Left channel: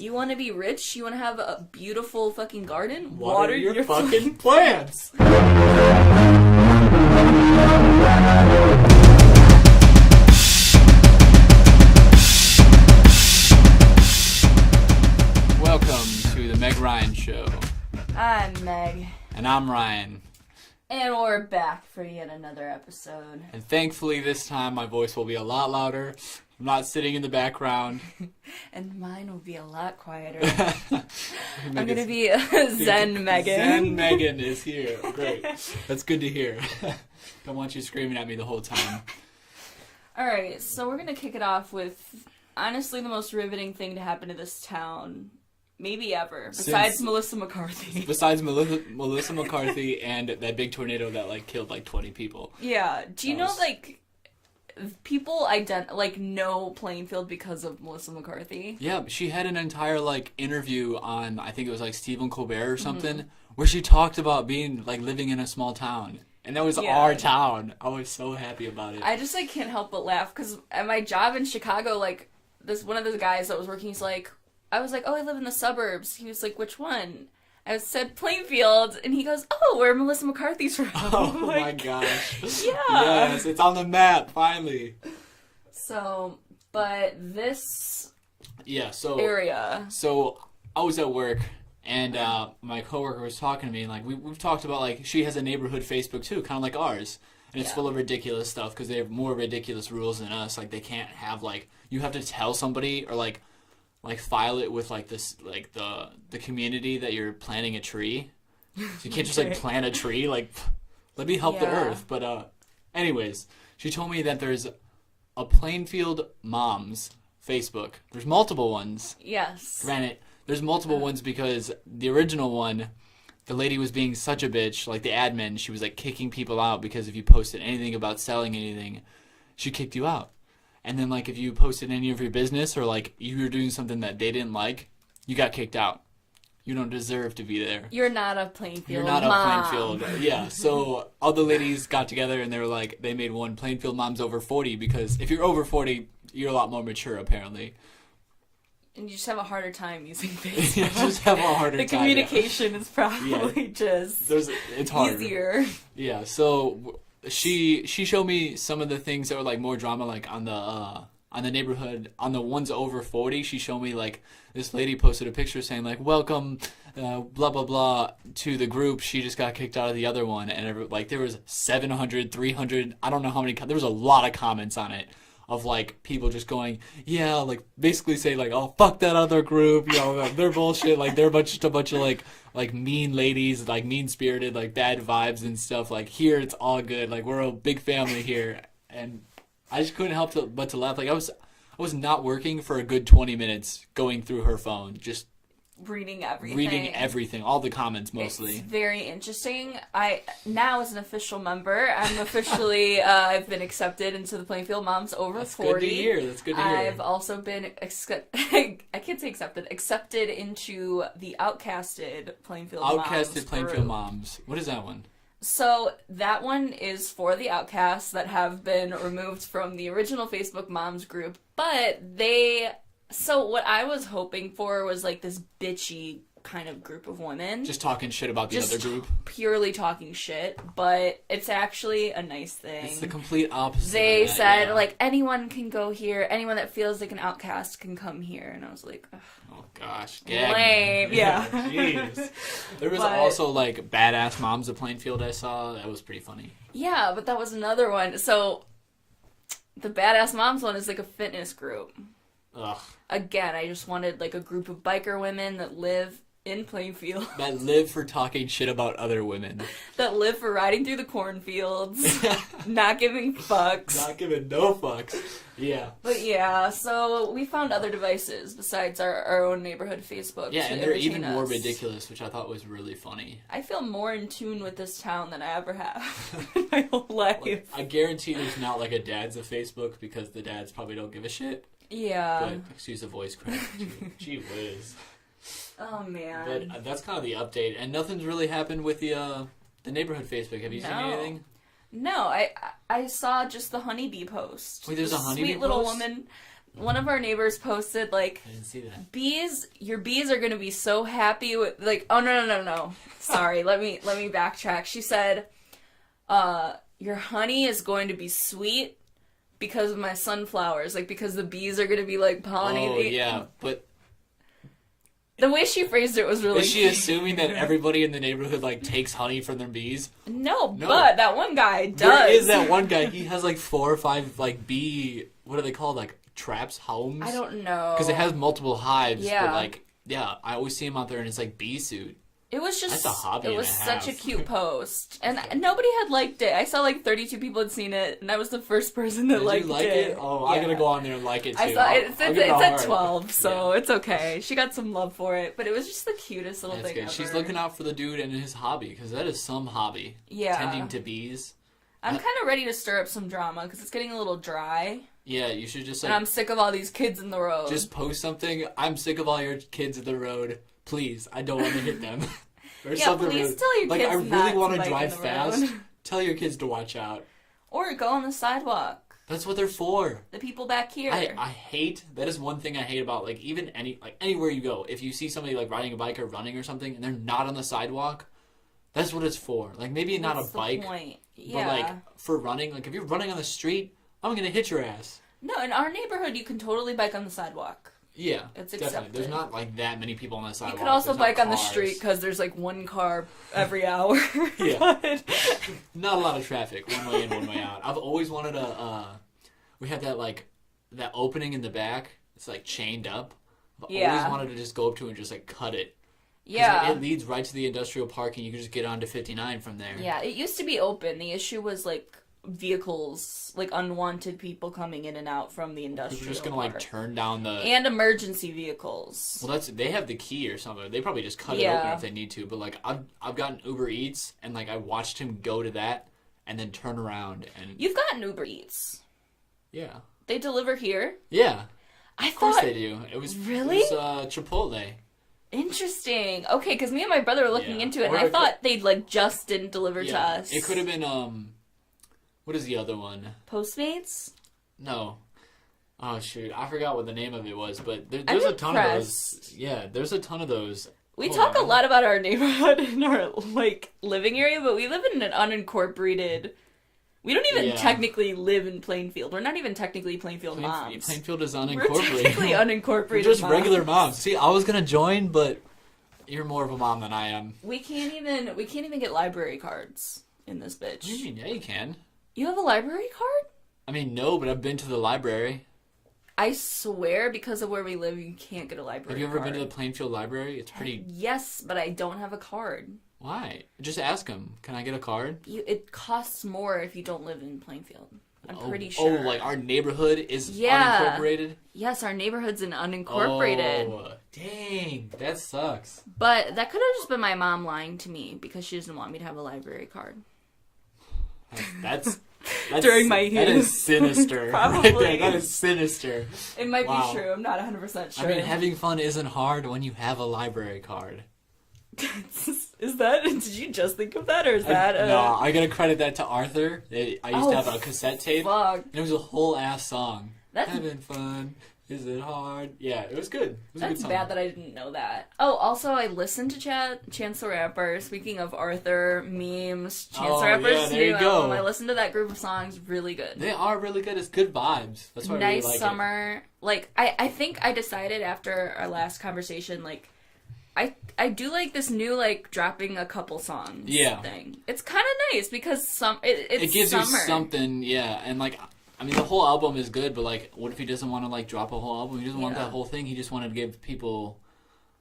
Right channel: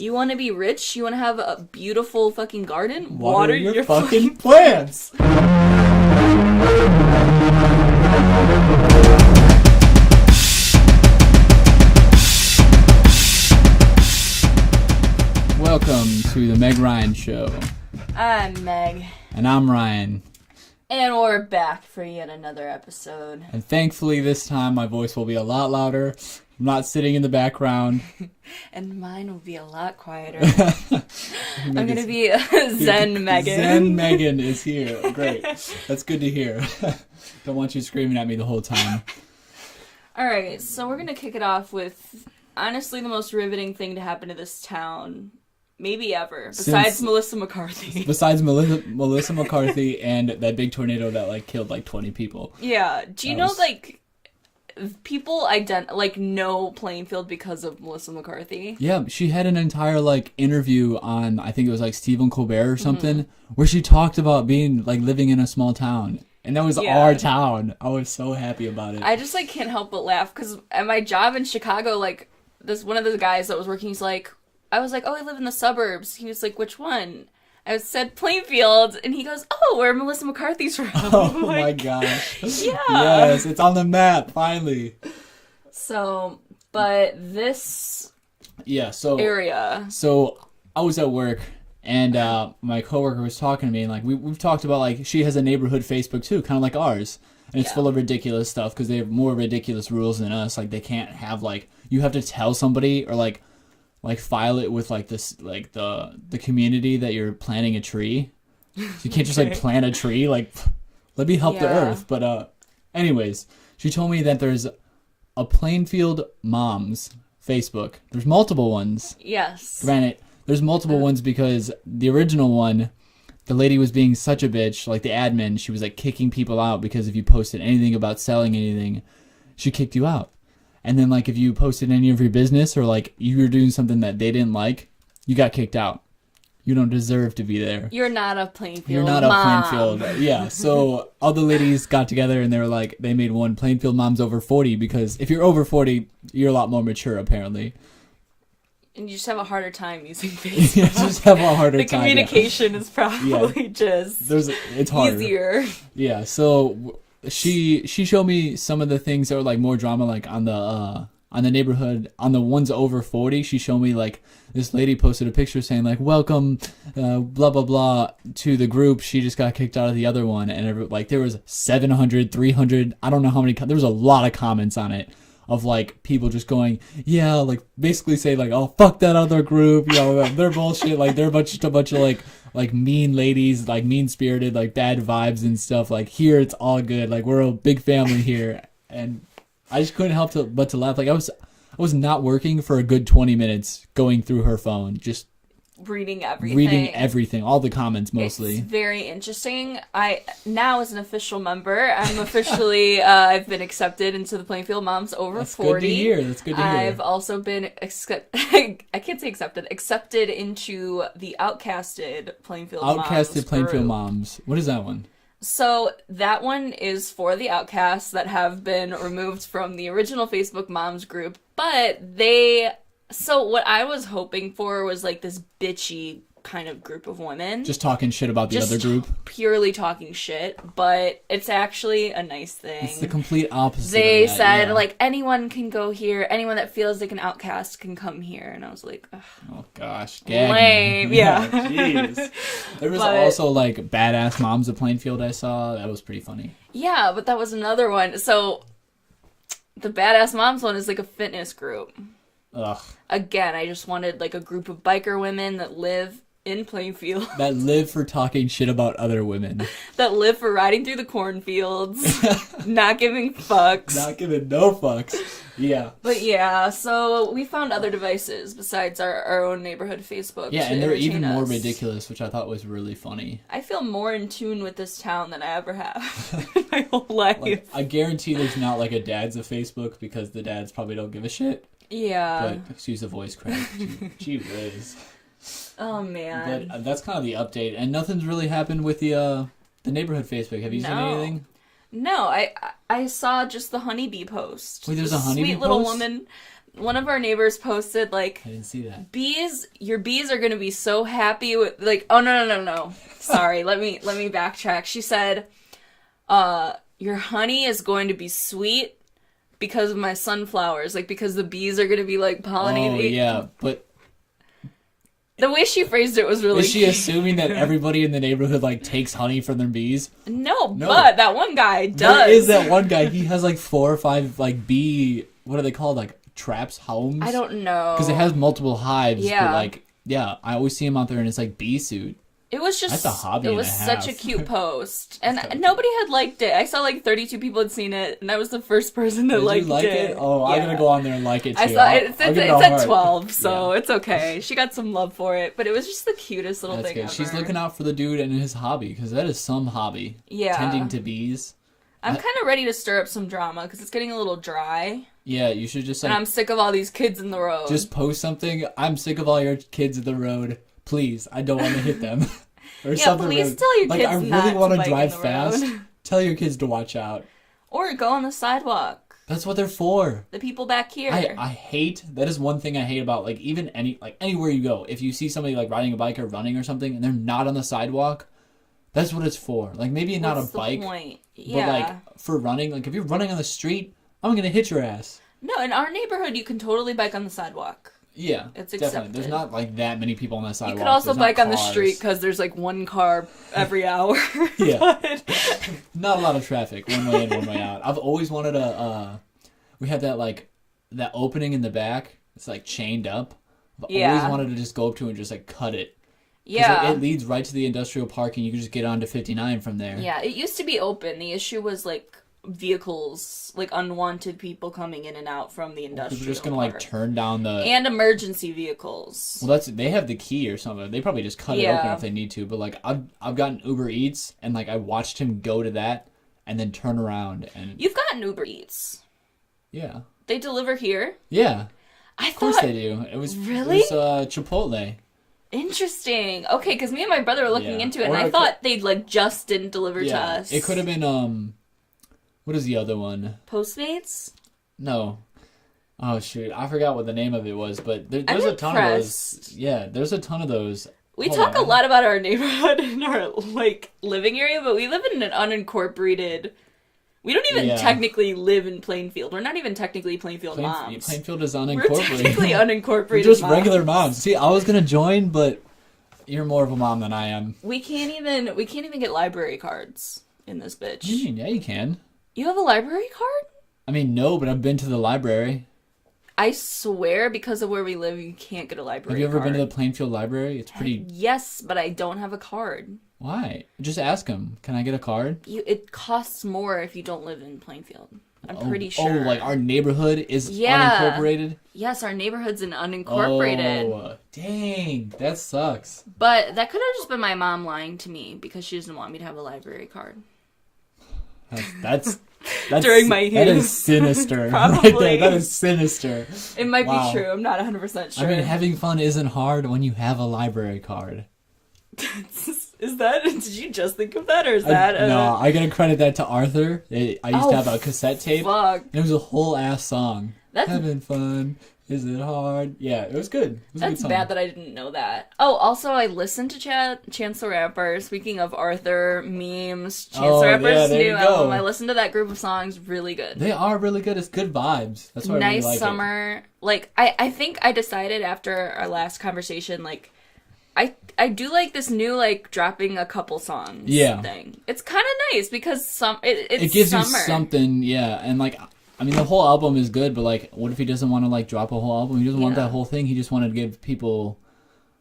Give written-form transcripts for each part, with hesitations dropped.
You want to be rich? You want to have a beautiful fucking garden? Water your fucking plants! Welcome to the Meaghan Ryan Show. I'm Meg. And I'm Ryan. And we're back for yet another episode. And thankfully this time my voice will be a lot louder. I'm not sitting in the background. And mine will be a lot quieter. I'm going to be a Zen Meaghan. Zen Meaghan is here. Great. That's good to hear. Don't want you screaming at me the whole time. Alright, so we're going to kick it off with, honestly, the most riveting thing to happen to this town, maybe ever, besides Melissa McCarthy. Besides Melissa McCarthy and that big tornado that, killed, 20 people. Yeah. Do you know, people know Plainfield because of Melissa McCarthy? Yeah, she had an entire, interview on, I think it was, Stephen Colbert or something, where she talked about being, living in a small town. And that was our town. I was so happy about it. I just, can't help but laugh, because at my job in Chicago, one of the guys that was working, he's like, I was like, oh, I live in the suburbs. He was like, which one? I said Plainfield, and he goes, oh, where Melissa McCarthy's from. Oh my gosh. Yeah. Yes, it's on the map, finally. So, but this area. So, I was at work, and my coworker was talking to me, and we've talked about, she has a neighborhood Facebook too, kind of like ours. And it's full of ridiculous stuff, because they have more ridiculous rules than us. They can't have, you have to tell somebody, or file it with the community that you're planting a tree. You can't just plant a tree. Let me help the earth. But anyways, she told me that there's a Plainfield Moms Facebook. There's multiple ones. Yes. Granted, there's multiple ones because the original one, the lady was being such a bitch. The admin, she was kicking people out because if you posted anything about selling anything, she kicked you out. And then, if you posted any of your business or, you were doing something that they didn't like, you got kicked out. You don't deserve to be there. You're not a Plainfield You're not mom. a Plainfield. Yeah, so all the ladies got together and they were they made one Plainfield Moms over 40 because if you're over 40, you're a lot more mature, apparently. And you just have a harder time using Facebook. You just have a harder the time. The communication is probably it's harder. easier. Yeah, so... She showed me some of the things that were more drama on the neighborhood on the ones over 40. She showed me this lady posted a picture saying welcome blah blah blah to the group. She just got kicked out of the other one, and there was 700, 300, I don't know how many. There was a lot of comments on it of people just going basically say oh fuck that other group, they're bullshit, they're a bunch of mean ladies, mean-spirited, bad vibes and stuff. Here it's all good. We're a big family here. And I just couldn't help but to laugh. I was not working for a good 20 minutes going through her phone, just reading everything, all the comments mostly. It's very interesting. Now as an official member, I'm officially I've been accepted into the Plainfield Moms over That's 40. Good to hear. That's good to hear. I've also been accepted into the Outcasted Plainfield Moms. Outcasted Plainfield group. Moms. What is that one? So that one is for the outcasts that have been removed from the original Facebook Moms group, but So what I was hoping for was this bitchy kind of group of women. Just talking shit about the other group? Purely talking shit, but it's actually a nice thing. It's the complete opposite. They said, anyone can go here, anyone that feels like an outcast can come here, and I was like, ugh. Oh gosh. Lame, yeah. Jeez. There was also, Badass Moms of Plainfield I saw. That was pretty funny. Yeah, but that was another one. So, the Badass Moms one is a fitness group. Ugh. Again, I just wanted a group of biker women that live in Plainfield. That live for talking shit about other women. That live for riding through the cornfields. Not giving fucks. Not giving no fucks. Yeah. But yeah, so we found other devices besides our own neighborhood Facebook to and they're even more us. ridiculous, which I thought was really funny. I feel more in tune with this town than I ever have in my whole life. I guarantee there's not a dad's of Facebook because the dads probably don't give a shit. Yeah. But excuse the voice crack. Gee whiz. Oh man. But that's kind of the update, and nothing's really happened with the neighborhood Facebook. Have you seen anything? No, I saw just the honeybee post. Wait, there's the a honeybee sweet little post? woman one of our neighbors posted, like, I didn't see that. your bees are gonna be so happy with, like, oh, no. Sorry, let me backtrack. She said, your honey is going to be sweet because of my sunflowers, like, because the bees are gonna be, like, pollinating. Oh, yeah, but... The way she phrased it was really Is she assuming that everybody in the neighborhood, like, takes honey from their bees? No, but that one guy does. There is that one guy. He has, like, 4 or 5, like, bee... What are they called? Like, traps? Homes? I don't know. Because it has multiple hives. Yeah. But, like, yeah, I always see him out there in his, like, bee suit. It was just... That's a hobby it was such a cute post. And nobody had liked it. I saw, like, 32 people had seen it, and I was the first person that liked it. Oh, yeah. I'm going to go on there and like it, too. I saw it. It's at 12, so it's okay. She got some love for it, but it was just the cutest little thing ever. She's looking out for the dude and his hobby, because that is some hobby. Yeah. Tending to bees. I'm kind of ready to stir up some drama, because it's getting a little dry. Yeah, you should just... And I'm sick of all these kids in the road. Just post something. I'm sick of all your kids in the road. Please, I don't want to hit them. Yeah, please tell your kids not to bike in the road. Tell your kids to watch out. Or go on the sidewalk. That's what they're for. The people back here. I hate, that is one thing I hate about, like, even anywhere you go. If you see somebody, like, riding a bike or running or something, and they're not on the sidewalk, that's what it's for. Like, maybe not a bike. What's the point? Yeah. But, like, for running, like, if you're running on the street, I'm gonna hit your ass. No, in our neighborhood, you can totally bike on the sidewalk. Yeah, it's definitely. accepted. There's not, like, that many people on the sidewalk. You could also bike on the street because there's, like, one car every hour. Yeah. But... Not a lot of traffic, one way in, one way out. I've always wanted we have that, like, that opening in the back. It's, like, chained up. I've always wanted to just go up to and just, like, cut it. Yeah. It leads right to the industrial park, and you can just get onto 59 from there. Yeah, it used to be open. The issue was, like, vehicles, like, unwanted people coming in and out from the industrial park. You're just gonna, like, turn down the... And emergency vehicles. Well, they have the key or something. They probably just cut it open if they need to. But, like, I've gotten Uber Eats, and, like, I watched him go to that and then turn around and... You've gotten Uber Eats. Yeah. They deliver here? Yeah. I of thought... course they do. Really? It was Chipotle. Interesting. Okay, because me and my brother were looking into it, and I thought they, like, just didn't deliver to us. It could have been, what is the other one? Postmates? No. Oh, shoot. I forgot what the name of it was, but there's I'm a ton of those. Yeah, there's a ton of those. We talk a lot about our neighborhood and our, like, living area, but we live in an unincorporated... We don't even technically live in Plainfield. We're not even technically Plainfield moms. Plainfield is unincorporated. We're technically unincorporated We're just moms. regular moms. See, I was going to join, but you're more of a mom than I am. We can't even get library cards in this bitch. Yeah, you can. You have a library card? I mean, no, but I've been to the library. I swear, because of where we live, you can't get a library card. Have you ever been to the Plainfield Library? It's pretty... Yes, but I don't have a card. Why? Just ask him. Can I get a card? It costs more if you don't live in Plainfield. I'm pretty sure. Oh, like our neighborhood is unincorporated? Yes, our neighborhood's an unincorporated. Oh, dang. That sucks. But that could have just been my mom lying to me because she doesn't want me to have a library card. That's during my youth. That is sinister. Probably. That is sinister. It might be true. I'm not 100% sure. I mean, having fun isn't hard when you have a library card. Is that... Did you just think of that, or is that... No, I gotta credit that to Arthur. I used to have a cassette tape. Fuck. It was a whole ass song. Having fun. Is it hard? Yeah, it was good. That's bad that I didn't know that. Oh, also, I listened to Chance the Rapper. Speaking of Arthur, memes, Chance the Rapper's new album. I listened to that group of songs. Really good. They are really good. It's good vibes. That's why nice I really like summer. Like, I think I decided after our last conversation, like, I do like this new, like, dropping a couple songs thing. It's kind of nice because it gives summer. You something, yeah. And, like, I mean, the whole album is good, but, like, what if he doesn't want to, like, drop a whole album? He doesn't want that whole thing. He just wanted to give people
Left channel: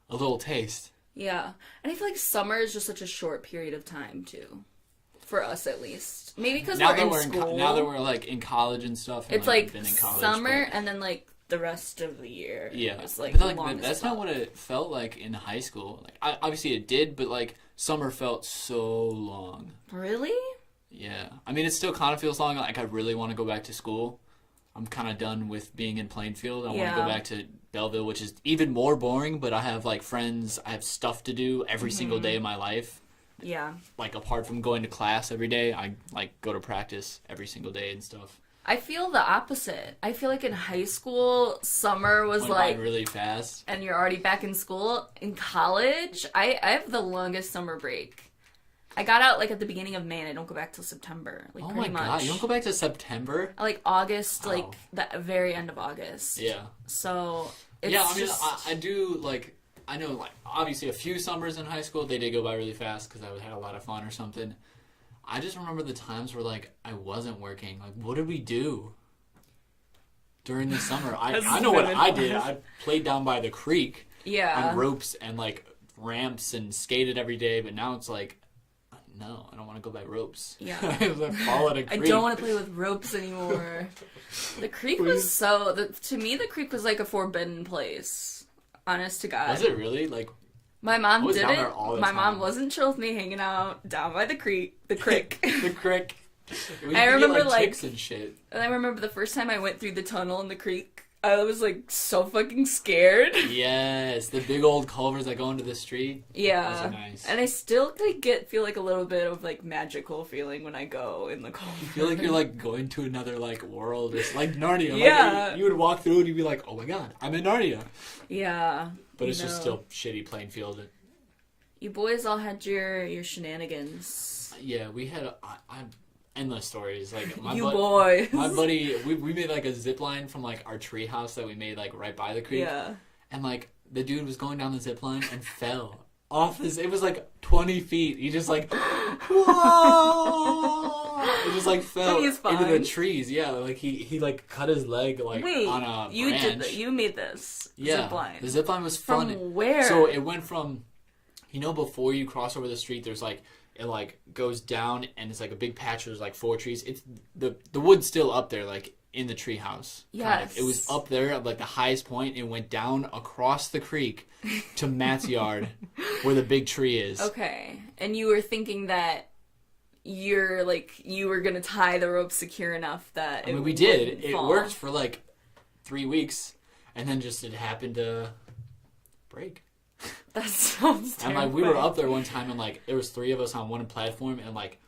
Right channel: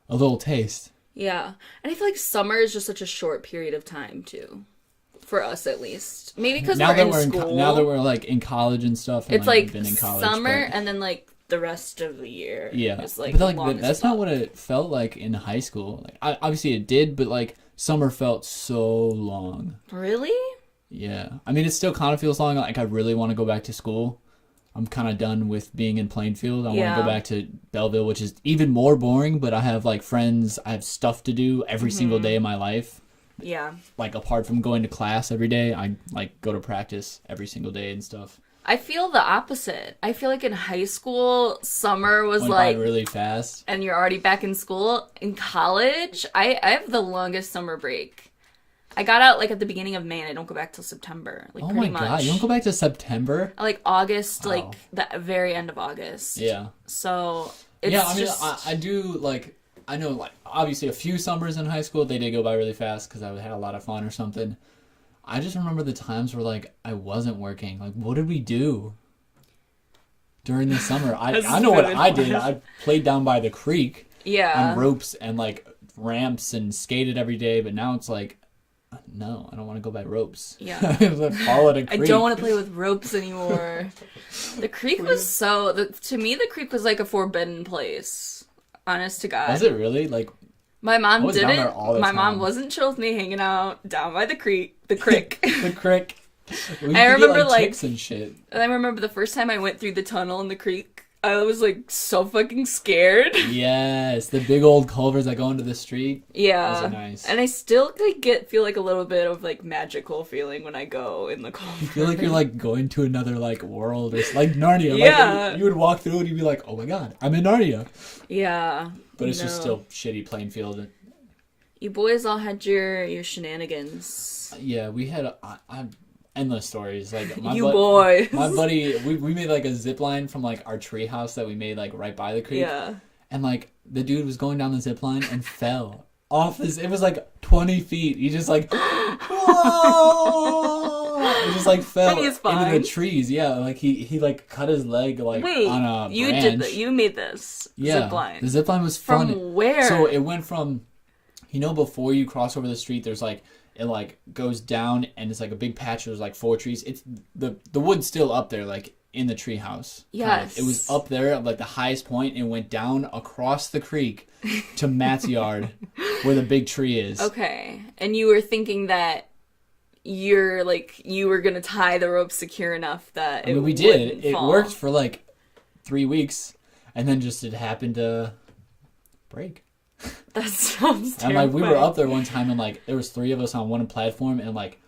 a little taste. Yeah. And I feel like summer is just such a short period of time, too. For us, at least. Maybe because we're in school. Now that we're, like, in college and stuff. It's, like, summer and then, like, the rest of the year. Yeah. It's, like, but that's not what it felt like in high school. Like, obviously it did, but, like, summer felt so long. Really? Yeah. I mean, it still kind of feels long. Like, I really want to go back to school. I'm kind of done with being in Plainfield. I want to go back to Belleville, which is even more boring, but I have, like, friends. I have stuff to do every single day of my life. Yeah. Like, apart from going to class every day, I, like, go to practice every single day and stuff. I feel the opposite. I feel like in high school, summer was Went like, by really fast. and you're already back in school. In college, I have the longest summer break. I got out like at the beginning of May, and I don't go back till September. Like pretty my God, much. you don't go back to September? Like August, Wow. like the very end of August. Yeah. So it's Yeah, I mean, just I do, like, I know, like, obviously a few summers in high school, they did go by really fast because I had a lot of fun or something. I just remember the times where, like, I wasn't working. Like, what did we do during the summer? I know what I did. I played down by the creek on ropes and, like, ramps and skated every day, but now it's like, no, I don't want to go by ropes. Yeah. I don't want to play with ropes anymore. The creek was to me, the creek was like a forbidden place. Honest to God. Was it really? Like, my mom was down didn't. there all the My time. mom wasn't chill with me hanging out down by the creek. The crick. The crick. I remember, like, tips and shit. And I remember the first time I went through the tunnel in the creek, I was like so fucking scared. Yes, the big old culverts that go into the street. Yeah. Those are nice. And I still like feel like a little bit of like magical feeling when I go in the culvert. You feel like you're like going to another like world. It's like Narnia. Yeah. Like, you would walk through it and you'd be like, oh my God, I'm in Narnia. Yeah. But it's just still shitty Plainfield. You boys all had your shenanigans. Yeah, we had endless stories. Like boys. My buddy, we made like a zip line from like our tree house that we made like right by the creek. Yeah. And like the dude was going down the zip line and fell off this. It was like 20 feet. He just like, whoa! He just like fell And he's fine. into the trees. Yeah, like he like cut his leg like on a you branch. did that. You made this zip line. The zip line was from fun. where? So it went from, before you cross over the street, there's like, it like goes down and it's like a big patch. There's like 4 trees. It's the wood's still up there, like in the tree house. Yes. It was up there at like the highest point and went down across the creek to Matt's yard where the big tree is. Okay. And you were thinking that you were gonna tie the rope secure enough that it we wouldn't did. fall. It worked for like 3 weeks and then just it happened to break. That sounds terrifying. And like we were up there one time and like there was 3 of us on one platform and like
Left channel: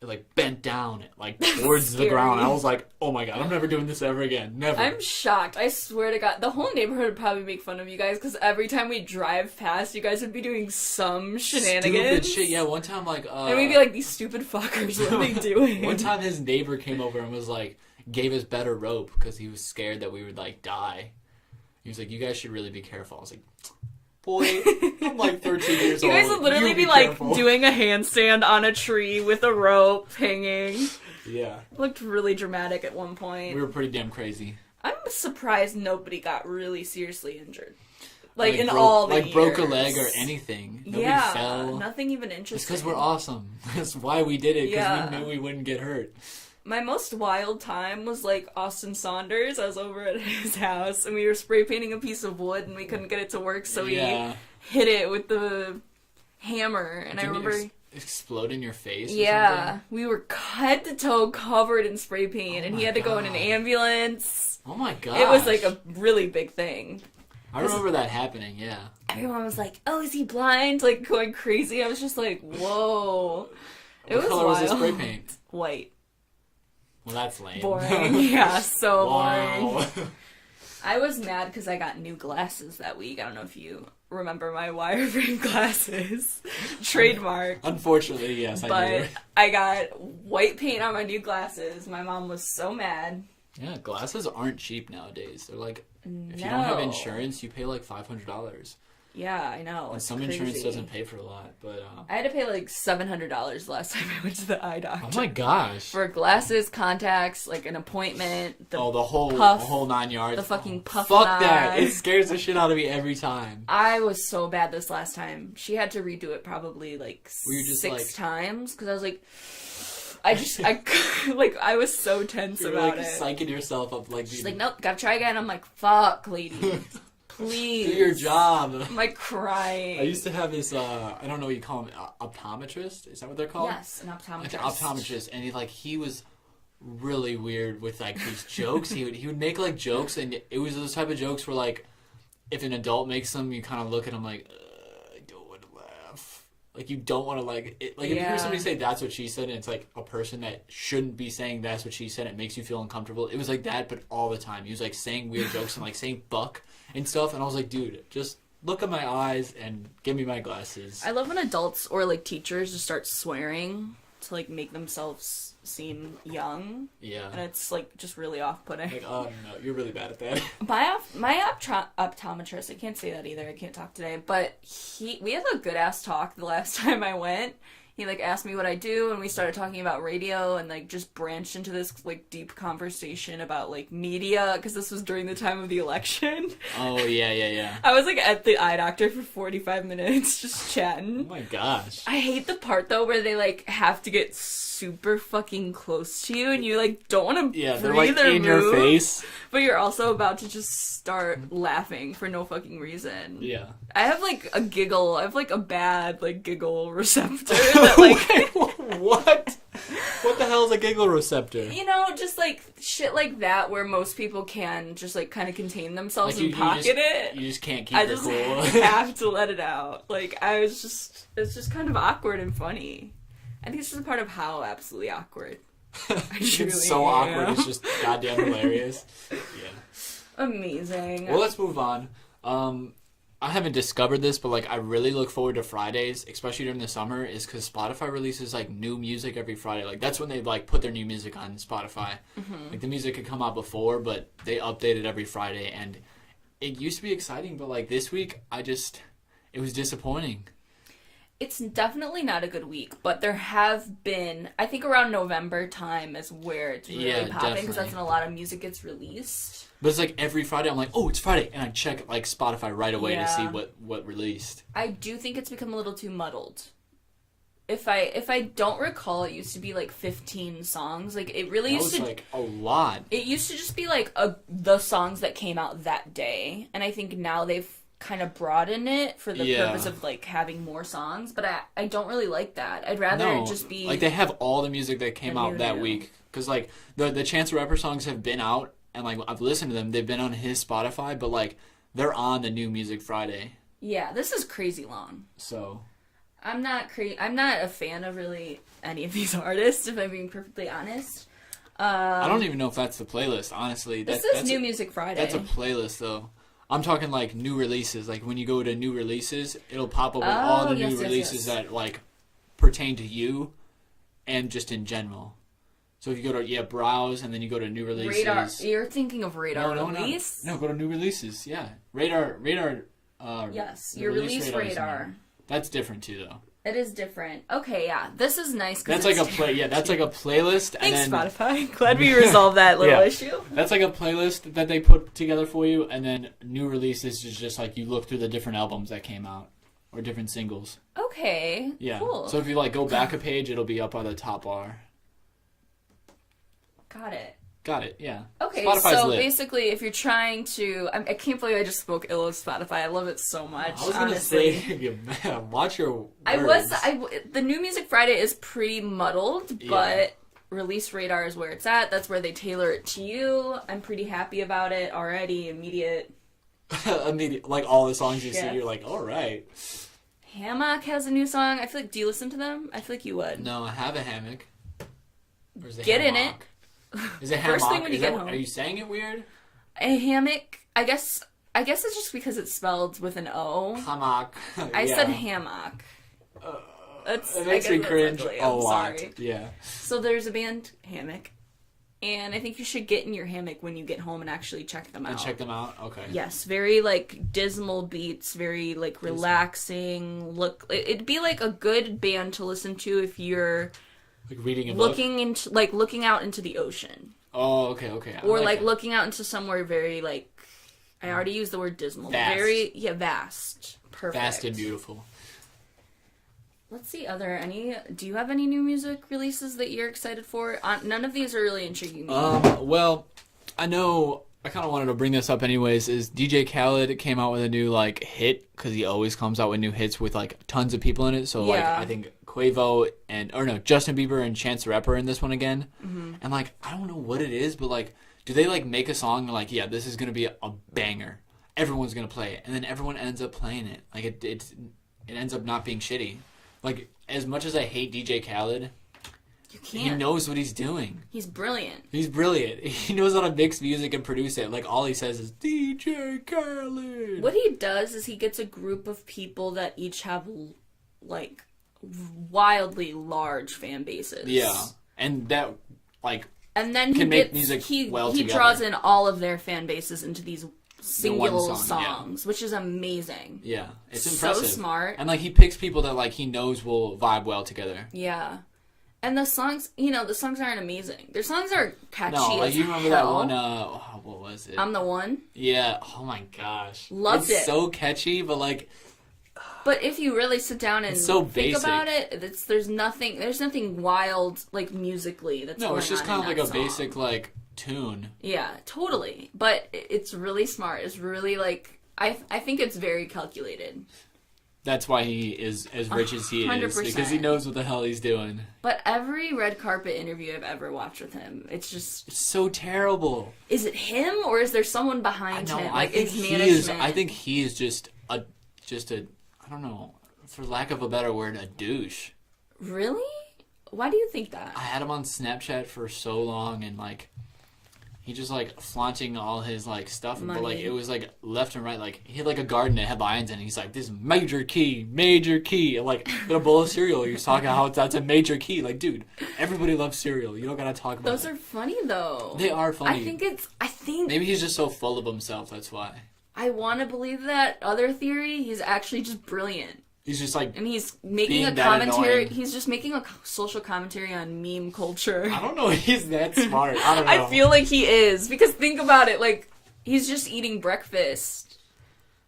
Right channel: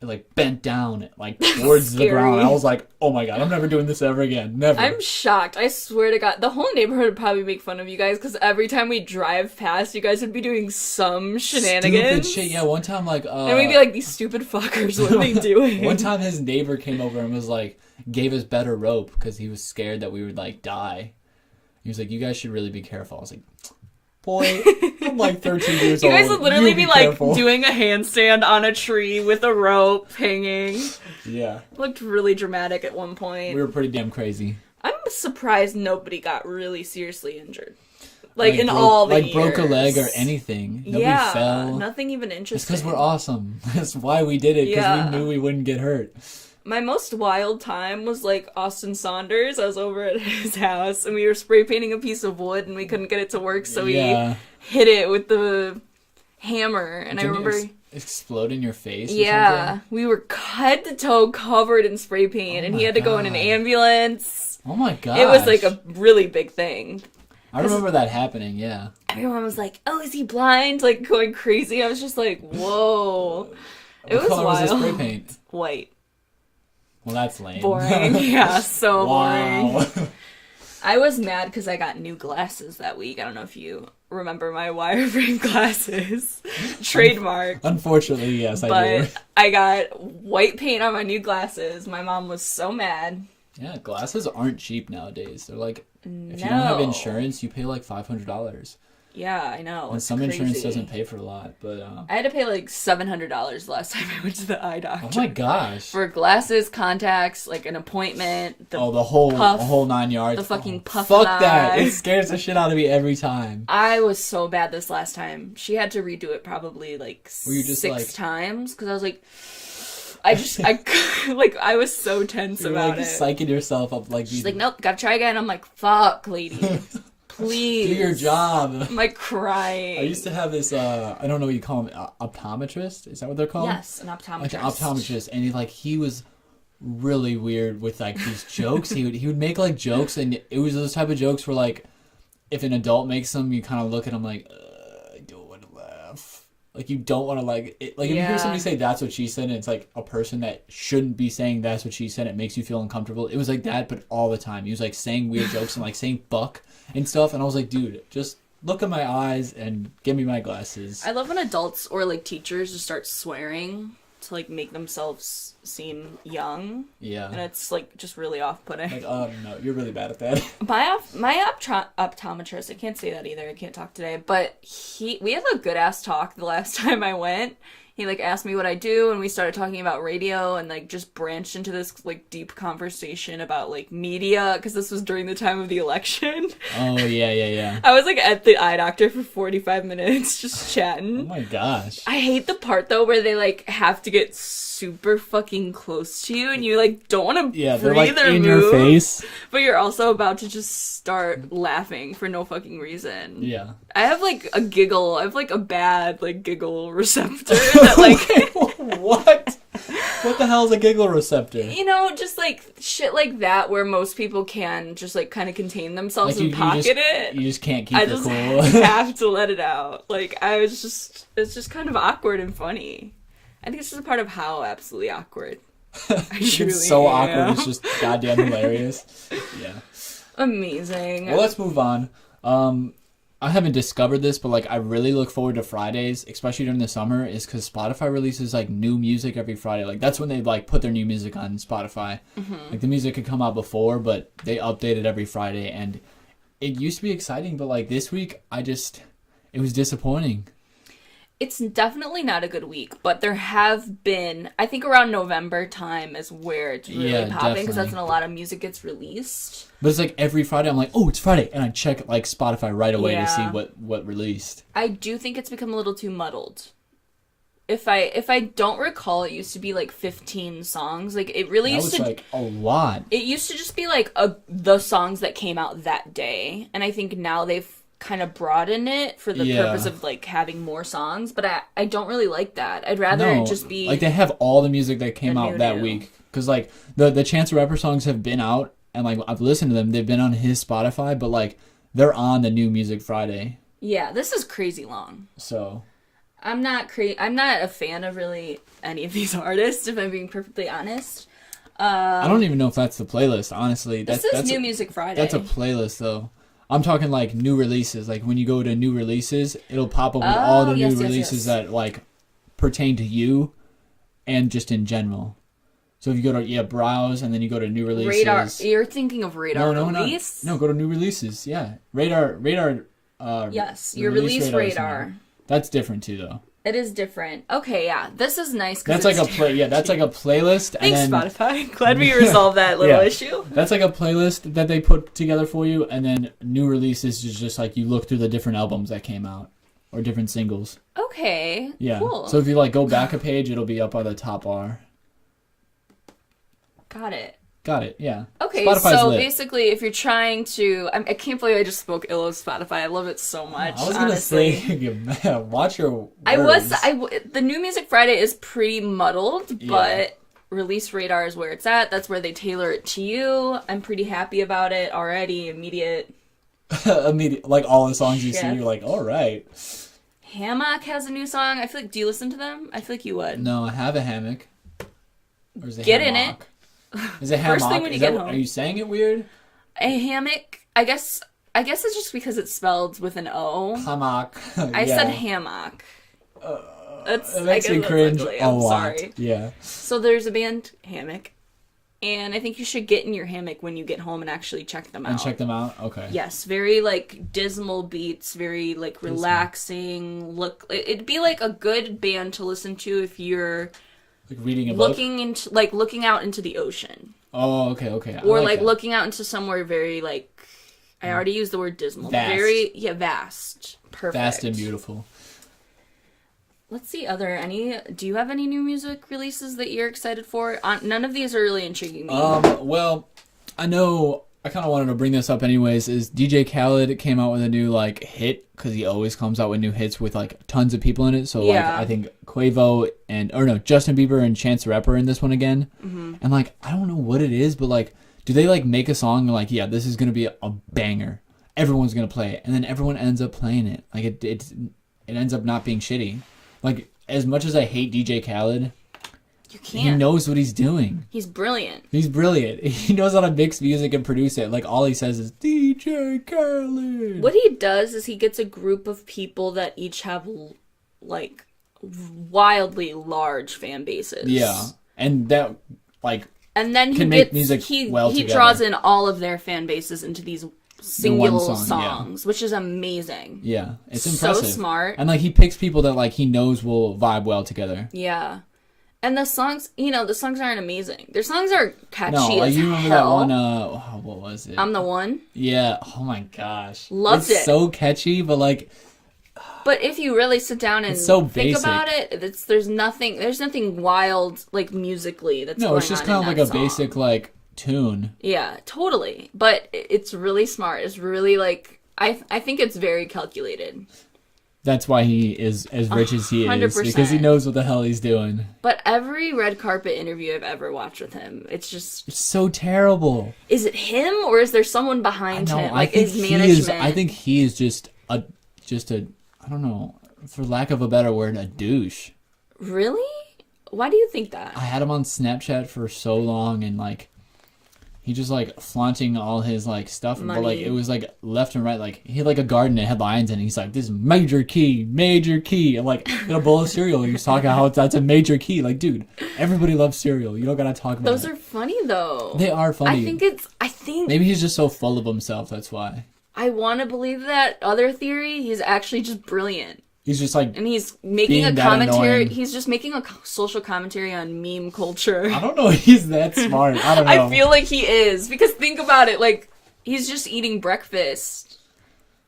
it like bent down like towards the ground. I was like, oh my God, I'm never doing this ever again. Never. I'm shocked. I swear to God, the whole neighborhood would probably make fun of you guys because every time we drive past, you guys would be doing some shenanigans. Stupid shit. Yeah, one time like and we'd be like, these stupid fuckers, what are they doing? One time his neighbor came over and was like, gave us better rope because he was scared that we would like die. He was like, you guys should really be careful. I was like, boy, I'm like 13 years old. You guys would literally You be like careful. doing a handstand on a tree with a rope hanging. Yeah. It looked really dramatic at one We point. were pretty damn crazy. I'm surprised nobody got really seriously injured. Like in all the years. Broke a leg or anything. Nobody Yeah, fell. nothing even interesting. Because we're awesome. That's why we did it. Because Yeah. we knew we wouldn't get hurt. My most wild time was like Austin Saunders. I was over at his house and we were spray painting a piece of wood and we couldn't get it to work, so we hit it with the hammer. And I remember explode in your face. Yeah, we were head to toe covered in spray paint, and he had to go in an ambulance. Oh my God! It was like a really big thing. I remember that happening. Yeah. Everyone was like, "Oh, is he blind?" Like going crazy. I was just like, "Whoa!" It was color wild. Was the spray paint? White. Well, that's lame. Boring. Yeah, so wow. boring. I was mad because I got new glasses that week. I don't know if you remember my wireframe glasses. Trademark. Unfortunately, yes, I do. But I got white paint on my new glasses. My mom was so mad. Yeah, glasses aren't cheap nowadays. They're like, No. if you don't have insurance, you pay like $500. Yeah, I know. And it's some crazy. insurance doesn't pay for a lot, but I had to pay like $700 the last time I went to the eye doctor. Oh my gosh. For glasses, contacts, like an appointment, the whole 9 yards. The fucking puff Fuck that. eye. It scares the shit out of me every time. I was so bad this last time. She had to redo it probably like Were you just 6 like... times because I was like, I was so tense You're about like it. Psyching yourself up like She's like, nope, gotta try again. I'm like, fuck, lady. Please. Do your job. I'm like crying. I used to have this, I don't know what you call him, optometrist? Is that what they're called? Yes, an optometrist. Like an optometrist. And he was really weird with like these jokes. He would make like jokes, and it was those type of jokes where like, if an adult makes them, you kind of look at him like, I don't want to laugh. like you don't want to like it, like if you hear somebody say that's what she said and it's like a person that shouldn't be saying that's what she said, it makes you feel uncomfortable. It was like that, but all the time. He was like saying weird jokes and like saying fuck and stuff, and I was like, dude, just look at my eyes and give me my glasses. I love when adults or like teachers just start swearing to like make themselves seem young. Yeah. And it's like just really off-putting. Like, oh no, you're really bad at that. My optometrist, I can't say that either, I can't talk today, but we had a good ass talk the last time I went. He like asked me what I do, and we started talking about radio, and like just branched into this like deep conversation about like media, because this was during the time of the election. Oh yeah. I was like at the eye doctor for 45 minutes just chatting. Oh my gosh. I hate the part though where they like have to get super fucking close to you, and you like don't want to breathe or move, but you're also about to just start laughing for no fucking reason. Yeah. I have like a giggle. I have like a bad like giggle receptor that like What? What the hell is a giggle receptor? You know, just like shit like that where most people can just like kind of contain themselves like and pocket it. You just can't keep it cool. I just have to let it out. Like it's just kind of awkward and funny. I think it's just a part of how absolutely awkward. I truly It's so am. awkward. It's just goddamn hilarious. Yeah. Amazing. Well, let's move on. I haven't discovered this, but like I really look forward to Fridays, especially during the summer, is because Spotify releases like new music every Friday. Like that's when they like put their new music on Spotify. Mm-hmm. Like the music could come out before, but they update it every Friday, and it used to be exciting, but like this week, it was disappointing. It's definitely not a good week, but there have been, I think around November time is where it's really popping, because that's when a lot of music gets released. But it's like every Friday I'm like, oh, it's Friday, and I check like Spotify right away to see what released. I do think it's become a little too muddled. If I don't recall, it used to be like 15 songs. Like it really used to like a lot. It used to just be like the songs that came out that day, and I think now they've kind of broaden it for the purpose of like having more songs, but I don't really like that. I'd rather it just be like they have all the music that came out that week, because like the Chance the Rapper songs have been out and like I've listened to them. They've been on his Spotify, but like they're on the new Music Friday. Yeah, this is crazy long. So I'm not a fan of really any of these artists, if I'm being perfectly honest. I don't even know if that's the playlist, honestly. This is New Music Friday. That's a playlist though. I'm talking like new releases. Like when you go to new releases, it'll pop up with all the new releases that like pertain to you and just in general. So if you go to browse and then you go to new releases. Radar. You're thinking of Radar release? No, go to new releases. Yeah, Radar. Yes, your release Radar. That's different too, though. It is different. Okay, yeah, this is nice because that's like that's like a playlist. Thanks, Spotify. Glad we resolved that little issue. That's like a playlist that they put together for you, and then new releases is just like you look through the different albums that came out or different singles. Okay. Yeah. Cool. So if you like go back a page, it'll be up on the top bar. Got it. Yeah. Okay, Spotify's so lit. basically, if you're trying to, I can't believe I just spoke ill of Spotify. I love it so much. I was honestly. gonna say, watch your words. The New Music Friday is pretty muddled, but Release Radar is where it's at. That's where they tailor it to you. I'm pretty happy about it already. Immediate, like all the songs you see, you're like, all right. Hammock has a new song. I feel like, do you listen to them? I feel like you would. No, I have a hammock. Get in it. Is it First thing when you get home. Are you saying it weird? A hammock. I guess it's just because it's spelled with an O. Hammock. I said hammock. That makes me cringe I'm sorry. Yeah. So there's a band, Hammock, and I think you should get in your hammock when you get home and actually check them out. Check them out? Okay. Yes, very like dismal beats, very like relaxing. It'd be like a good band to listen to if you're reading a book? Looking out into the ocean. Oh, okay. Or like looking out into somewhere very like, I already used the word dismal. Vast. Very vast. Perfect. Vast and beautiful. Let's see, do you have any new music releases that you're excited for? None of these are really intriguing me. Well, I know I kind of wanted to bring this up anyways, is DJ Khaled came out with a new like hit, because he always comes out with new hits with like tons of people in it. So like, I think Quavo Justin Bieber and Chance the Rapper in this one again. Mm-hmm. And like, I don't know what it is, but like, do they like make a song like, yeah, this is going to be a banger. Everyone's going to play it. And then everyone ends up playing it. Like it ends up not being shitty. like, as much as I hate DJ Khaled, you can't. he knows what he's doing. He's brilliant. He's brilliant. He knows how to mix music and produce it. Like, all he says is, DJ Khaled. What he does is he gets a group of people that each have, like, wildly large fan bases. Yeah. And that, like... And then he draws in all of their fan bases into these single songs, which is amazing. Yeah, it's impressive. So smart. And like he picks people that like he knows will vibe well together. Yeah. And the songs, the songs aren't amazing. Their songs are catchy as you remember hell. That one, what was it? I'm the One. Yeah. Oh my gosh. Loved it. It's so catchy, but like... But if you really sit down and think about it, there's nothing wild, like, musically that's going on in that song. No, it's just kind of like a basic, like, tune. Yeah, totally. But it's really smart. It's really, like, I think it's very calculated. That's why he is as rich as he is. 100%. Because he knows what the hell he's doing. But every red carpet interview I've ever watched with him, it's just... It's so terrible. Is it him, or is there someone behind him? Like, his management? I think he is just a... I don't know, for lack of a better word, a douche. Really? Why do you think that? I had him on Snapchat for so long, and, like, he just, like, flaunting all his, like, stuff. Money. But, like, it was, like, left and right. Like, he had, like, a garden that had lions in it. He's like, this is major key. And, like, with a bowl of cereal, he's talking how that's a major key. Like, dude, everybody loves cereal. You don't gotta talk about Those are funny, though. They are funny. I think... Maybe he's just so full of himself, that's why. I want to believe that other theory. He's actually just brilliant. He's just like, and he's making a commentary. He's just making a social commentary on meme culture. I don't know if he's that smart. I don't know. I feel like he is, because think about it. Like, he's just eating breakfast,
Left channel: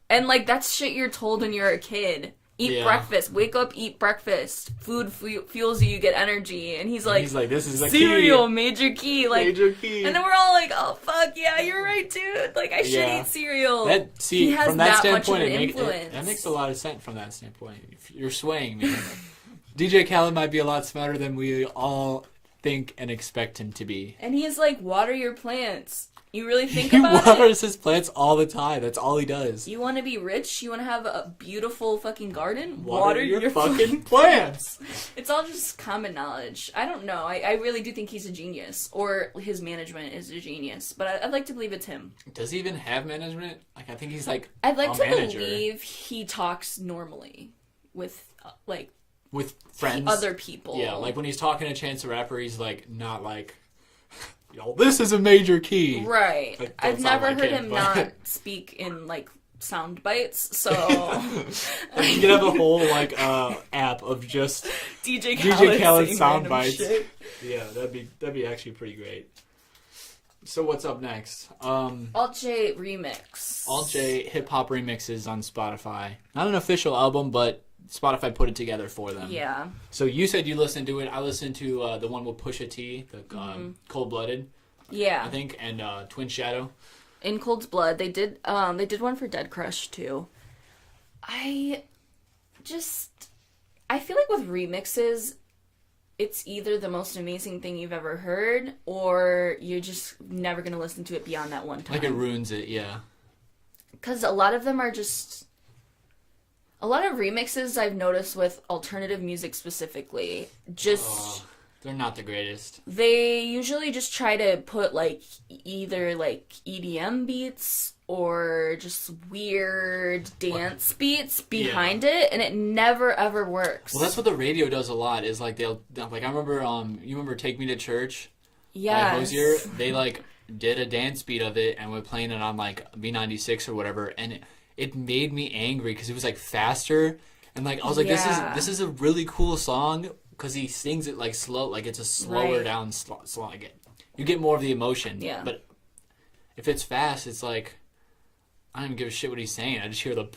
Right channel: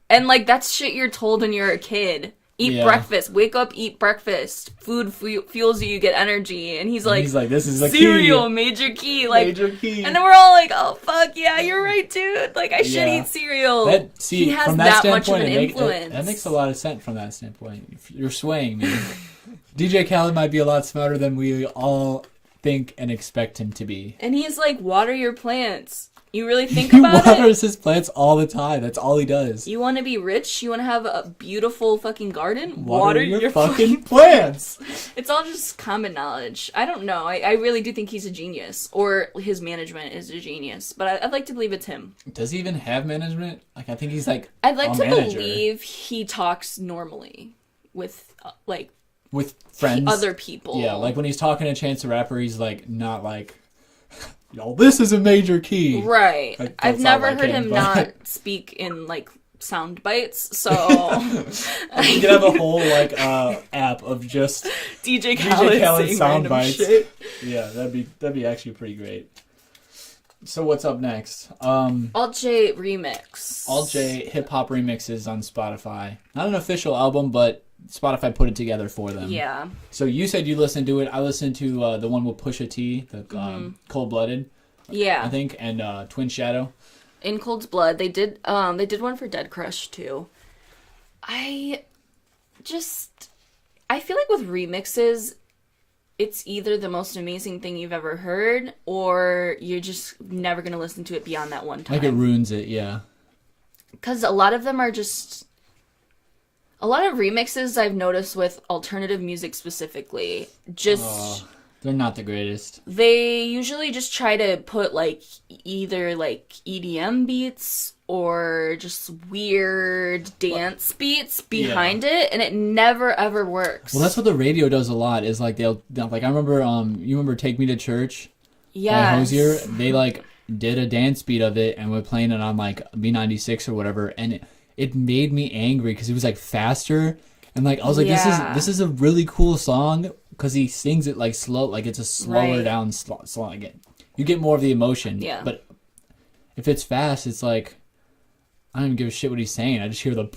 and like that's shit you're told when you're a kid. Eat breakfast. Wake up, eat breakfast. Food fuels you. You get energy. And he's like this is the cereal, key. Major key. Like, major key. And then we're all like, oh, fuck, yeah, you're right, dude. Like, I should eat cereal. He has that much of an influence. That makes a lot of sense from that standpoint. You're swaying. DJ Khaled might be a lot smarter than we all think and expect him to be. And he's like, water your plants. You really think about it? He waters his plants all the time. That's all he does. You want to be rich? You want to have a beautiful fucking garden? Water your fucking plants. It's all just common knowledge. I don't know. I really do think he's a genius. Or his management is a genius. But I'd like to believe it's him. Does he even have management? Like, I think he's like I'd like to believe he talks normally with, with friends. Other people. Yeah, like when he's talking to Chance the Rapper, he's like, not like... this is a major key. Right. Like, I've never heard him not speak in, like, sound bites, so... You could have a whole, like, app of just... DJ Khaled saying random bites. Shit. Yeah, that'd be actually pretty great. So what's up next? Alt J Remix. Alt J hip-hop remixes on Spotify. Not an official album, but Spotify put it together for them. Yeah. So you said you listened to it. I listened to the one with Pusha T, the Cold Blooded. Yeah. I think, and Twin Shadow. In Cold Blood, they did one for Dead Crush too. I feel like with remixes, it's either the most amazing thing you've ever heard, or you're just never gonna listen to it beyond that one time. Like it ruins it, yeah. Because a lot of them are just... A lot of remixes I've noticed with alternative music specifically, they're not the greatest. They usually just try to put, like, either, like, EDM beats or just weird dance beats behind it, and it never, ever works. Well, that's what the radio does a lot, is, like, I remember, you remember Take Me to Church? Yes. Hosier? They, like, did a dance beat of it, and were playing it on, like, B96 or whatever, and it made me angry because it was like faster, and like I was like, this is a really cool song because he sings it like slow, like it's a slower down song. Again, you get more of the emotion. Yeah. But if it's fast, it's like I don't even give a shit what he's saying. I just hear the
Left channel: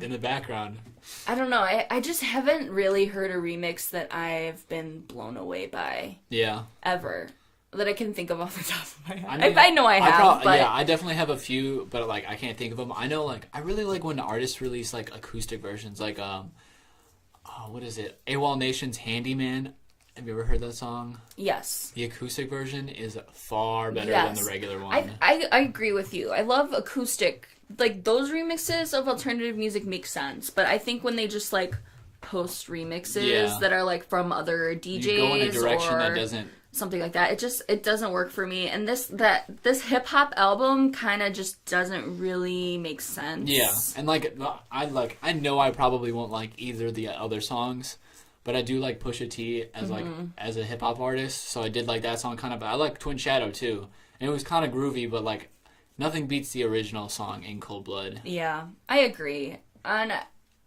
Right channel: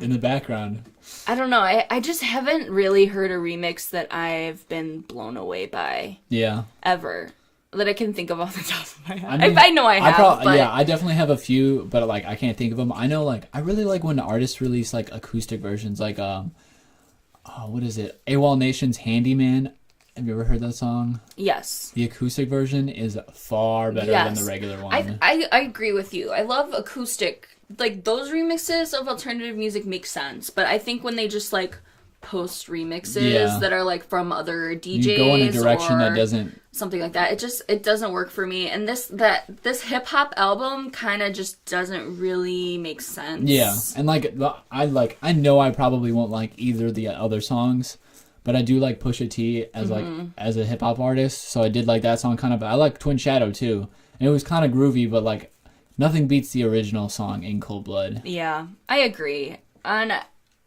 in the background. I don't know. I just haven't really heard a remix that I've been blown away by. Yeah. Ever. That I can think of off the top of my head. I know I have, but... Yeah, I definitely have a few, but, like, I can't think of them. I know, like, I really like when artists release, like, acoustic versions, like, what is it? AWOL Nation's Handyman. Have you ever heard that song? Yes. The acoustic version is far better than the regular one. I agree with you. I love acoustic. Like, those remixes of alternative music make sense, but I think when they just, like, post remixes that are like from other DJs or something like that. It doesn't work for me. And this hip hop album kind of just doesn't really make sense. Yeah, and I know I probably won't like either of the other songs, but I do like Pusha T as a hip hop artist. So I did like that song kind of. I like Twin Shadow too, and it was kind of groovy, but like nothing beats the original song In Cold Blood. Yeah, I agree. And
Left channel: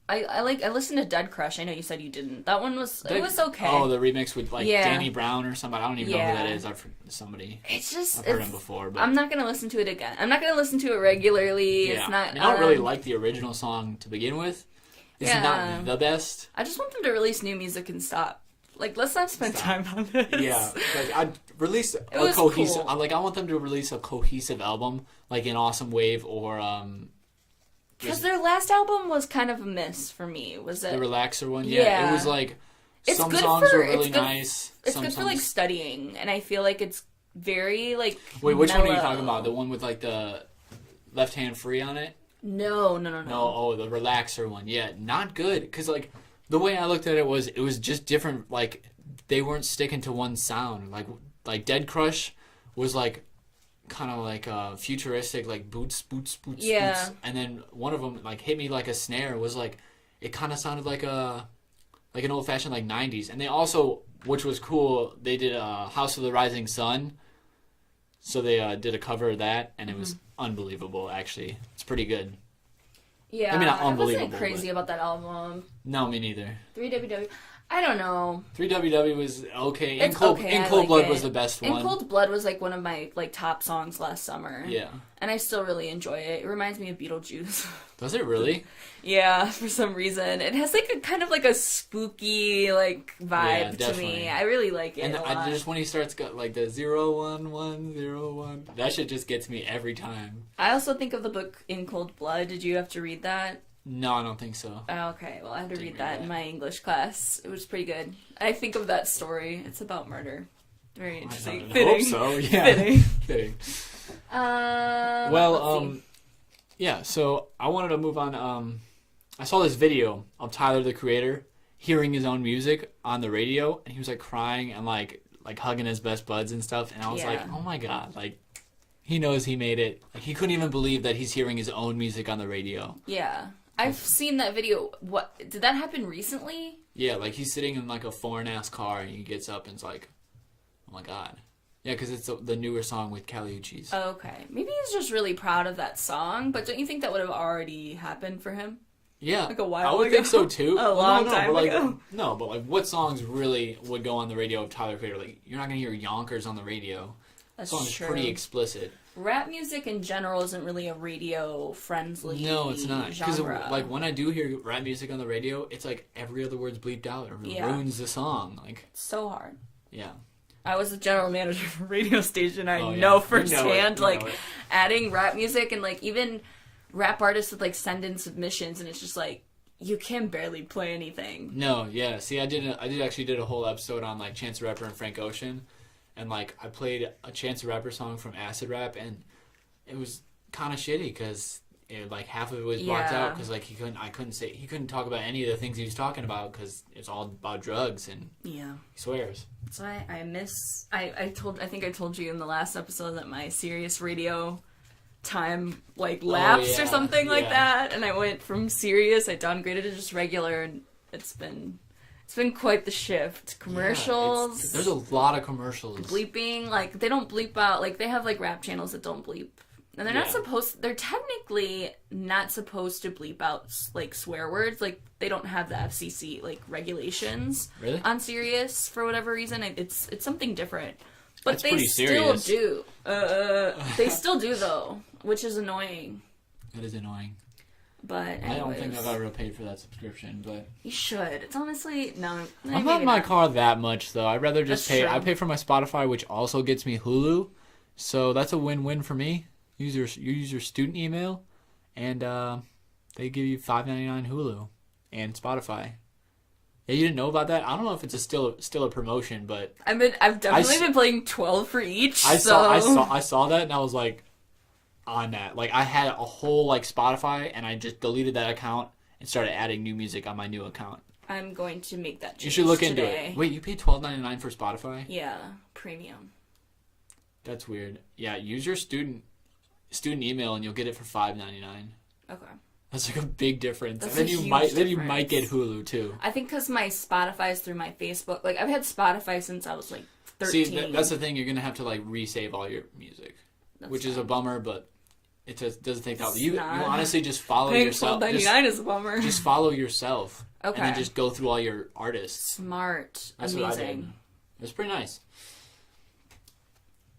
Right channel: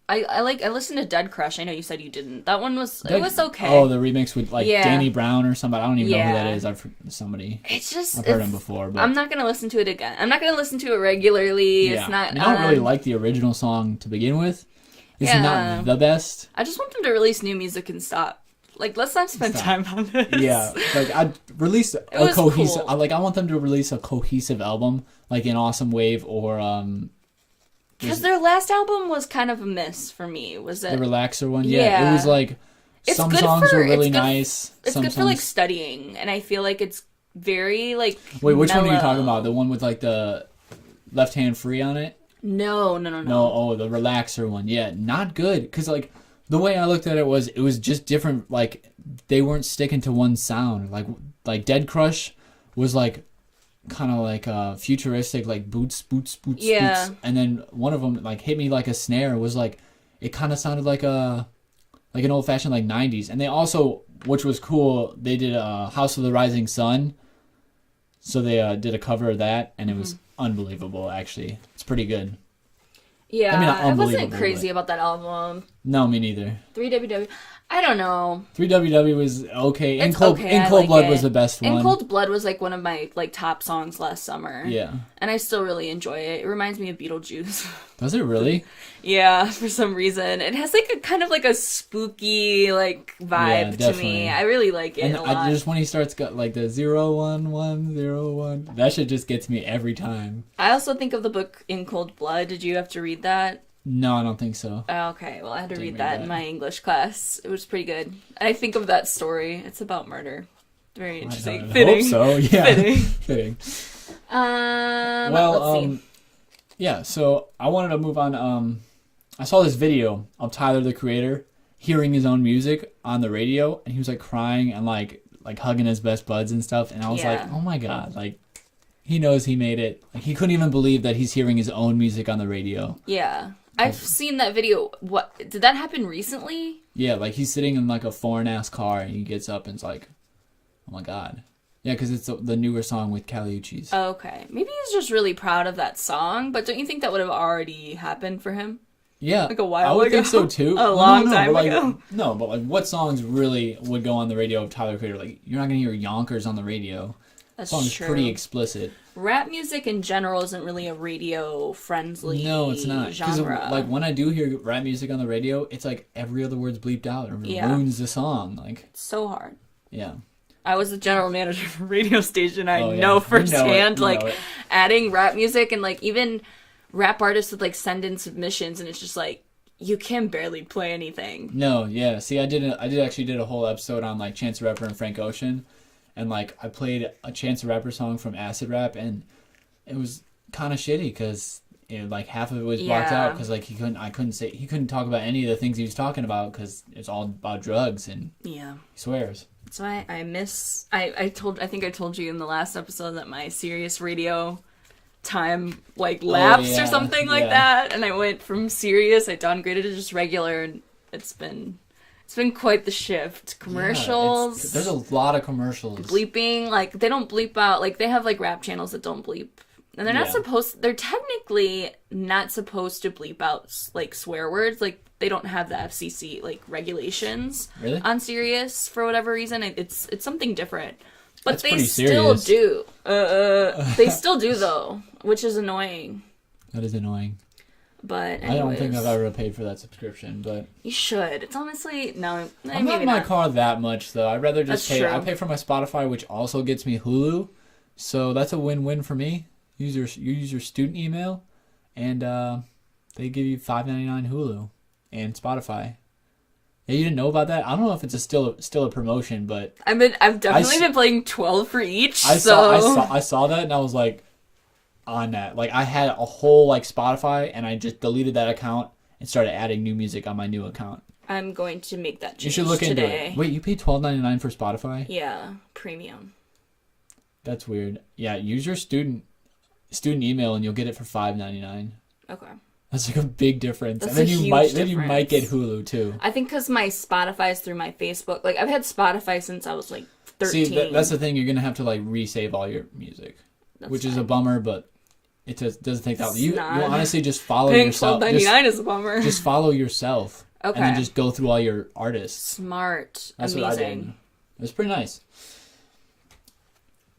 I listened to Dead Crush. I know you said you didn't. That one was okay. Oh, the remix with Danny Brown or somebody. I don't even know who that is. I've heard him before. But I'm not gonna listen to it again. I'm not gonna listen to it regularly. Yeah. It's not. I don't really like the original song to begin with. It's not the best. I just want them to release new music and stop. Like, let's not spend time on this. Yeah, like I'd release a cohesive. Cool. I want them to release a cohesive album, like an Awesome Wave or Because their last album was kind of a miss for me. Was it the Relaxer one? Yeah, it was like some songs were really nice. It's good for like studying, and I feel like it's very like. Wait, which mellow. one are you talking about? The one with like the Left Hand Free on it? No. Oh, the Relaxer one. Yeah, not good. Because like the way I looked at it was just different. Like they weren't sticking to one sound. Like Dead Crush was like kind of like futuristic, like boots, yeah. Boots. And then one of them like hit me like a snare. Was like it kind of sounded like an old fashioned like 90s. And they also, which was cool, they did House of the Rising Sun. So they did a cover of that, and it was unbelievable. Actually, it's pretty good. Yeah, I wasn't crazy about that album. No, me neither. 3WW. I don't know. 3WW was okay. It's okay. In Cold Blood was the best one. In Cold Blood was like one of my like top songs last summer. Yeah. And I still really enjoy it. It reminds me of Beetlejuice. Does it really? Yeah, for some reason. It has like a kind of like a spooky like vibe to me. I really like it a lot. Just when he starts got like the 01101, that shit just gets me every time. I also think of the book In Cold Blood. Did you have to read that? No, I don't think so. Okay, well, I had to read that in my English class. It was pretty good. I think of that story. It's about murder. Very interesting. Fitting. So. Yeah. Fitting. Let's see. Yeah, so I wanted to move on. I saw this video of Tyler, the Creator, hearing his own music on the radio, and he was like crying and like hugging his best buds and stuff. And I was like, oh my god, like he knows he made it. Like, he couldn't even believe that he's hearing his own music on the radio. Yeah. I've seen that video. What did that happen recently? Yeah, like he's sitting in like a foreign-ass car and he gets up and it's like, oh my god. Yeah, because it's the newer song with Kali Uchis. Okay. Maybe he's just really proud of that song, but don't you think that would have already happened for him? Yeah. Like a while ago? I think so too. A long time ago. No, but like what songs really would go on the radio of Tyler, Creator? Like you're not going to hear Yonkers on the radio. That's true. It's pretty explicit. Rap music in general isn't really a radio-friendly genre. Like when I do hear rap music on the radio, it's like every other word's bleeped out or ruins the song. Like it's so hard. Yeah. I was the general manager of a radio station. I know firsthand, adding rap music and like even rap artists would like send in submissions, and it's just like you can barely play anything. No, yeah. See, I actually did a whole episode on like Chance the Rapper and Frank Ocean. And, like, I played a Chance the Rapper song from Acid Rap, and it was kind of shitty because, like, half of it was blocked out because, like, he couldn't talk about any of the things he was talking about because it's all about drugs and he swears. So I think I told you in the last episode that my Sirius radio time, like, lapsed or something like that, and I went from Sirius, I downgraded to just regular, and it's been quite the shift. Commercials. There's a lot of commercials. Bleeping. Like, they don't bleep out. Like, they have, like, rap channels that don't bleep. And they're not they're technically not supposed to bleep out, like, swear words. Like, they don't have the FCC, like, regulations on Sirius for whatever reason. It's something different. But they still do. They still do, though, which is annoying. That is annoying. But anyways, I don't think I've ever paid for that subscription, but you should. It's honestly maybe not. My car that much though. I'd rather just pay. True. I pay for my Spotify, which also gets me Hulu, so that's a win-win for me. You use your student email, and they give you $5.99 Hulu and Spotify. Yeah, you didn't know about that? I don't know if it's still a promotion, but I've definitely been playing 12 for each. I saw that and I was like. On that, like I had a whole like Spotify, and I just deleted that account and started adding new music on my new account. I'm going to make that change you should look today. Into it. Wait, you pay $12.99 for Spotify? Yeah, premium. That's weird. Yeah, use your student email and you'll get it for $5.99. Okay. That's like a big difference. That's and a huge difference. Then you might get Hulu too. I think because my Spotify is through my Facebook. Like, I've had Spotify since I was like 13. See, that's the thing. You're gonna have to like resave all your music, which is a bummer, but it just doesn't take that long. You honestly just follow yourself. Paying $12.99 is a bummer. Just follow yourself. Okay. And then just go through all your artists. Smart. That's amazing. It's pretty nice.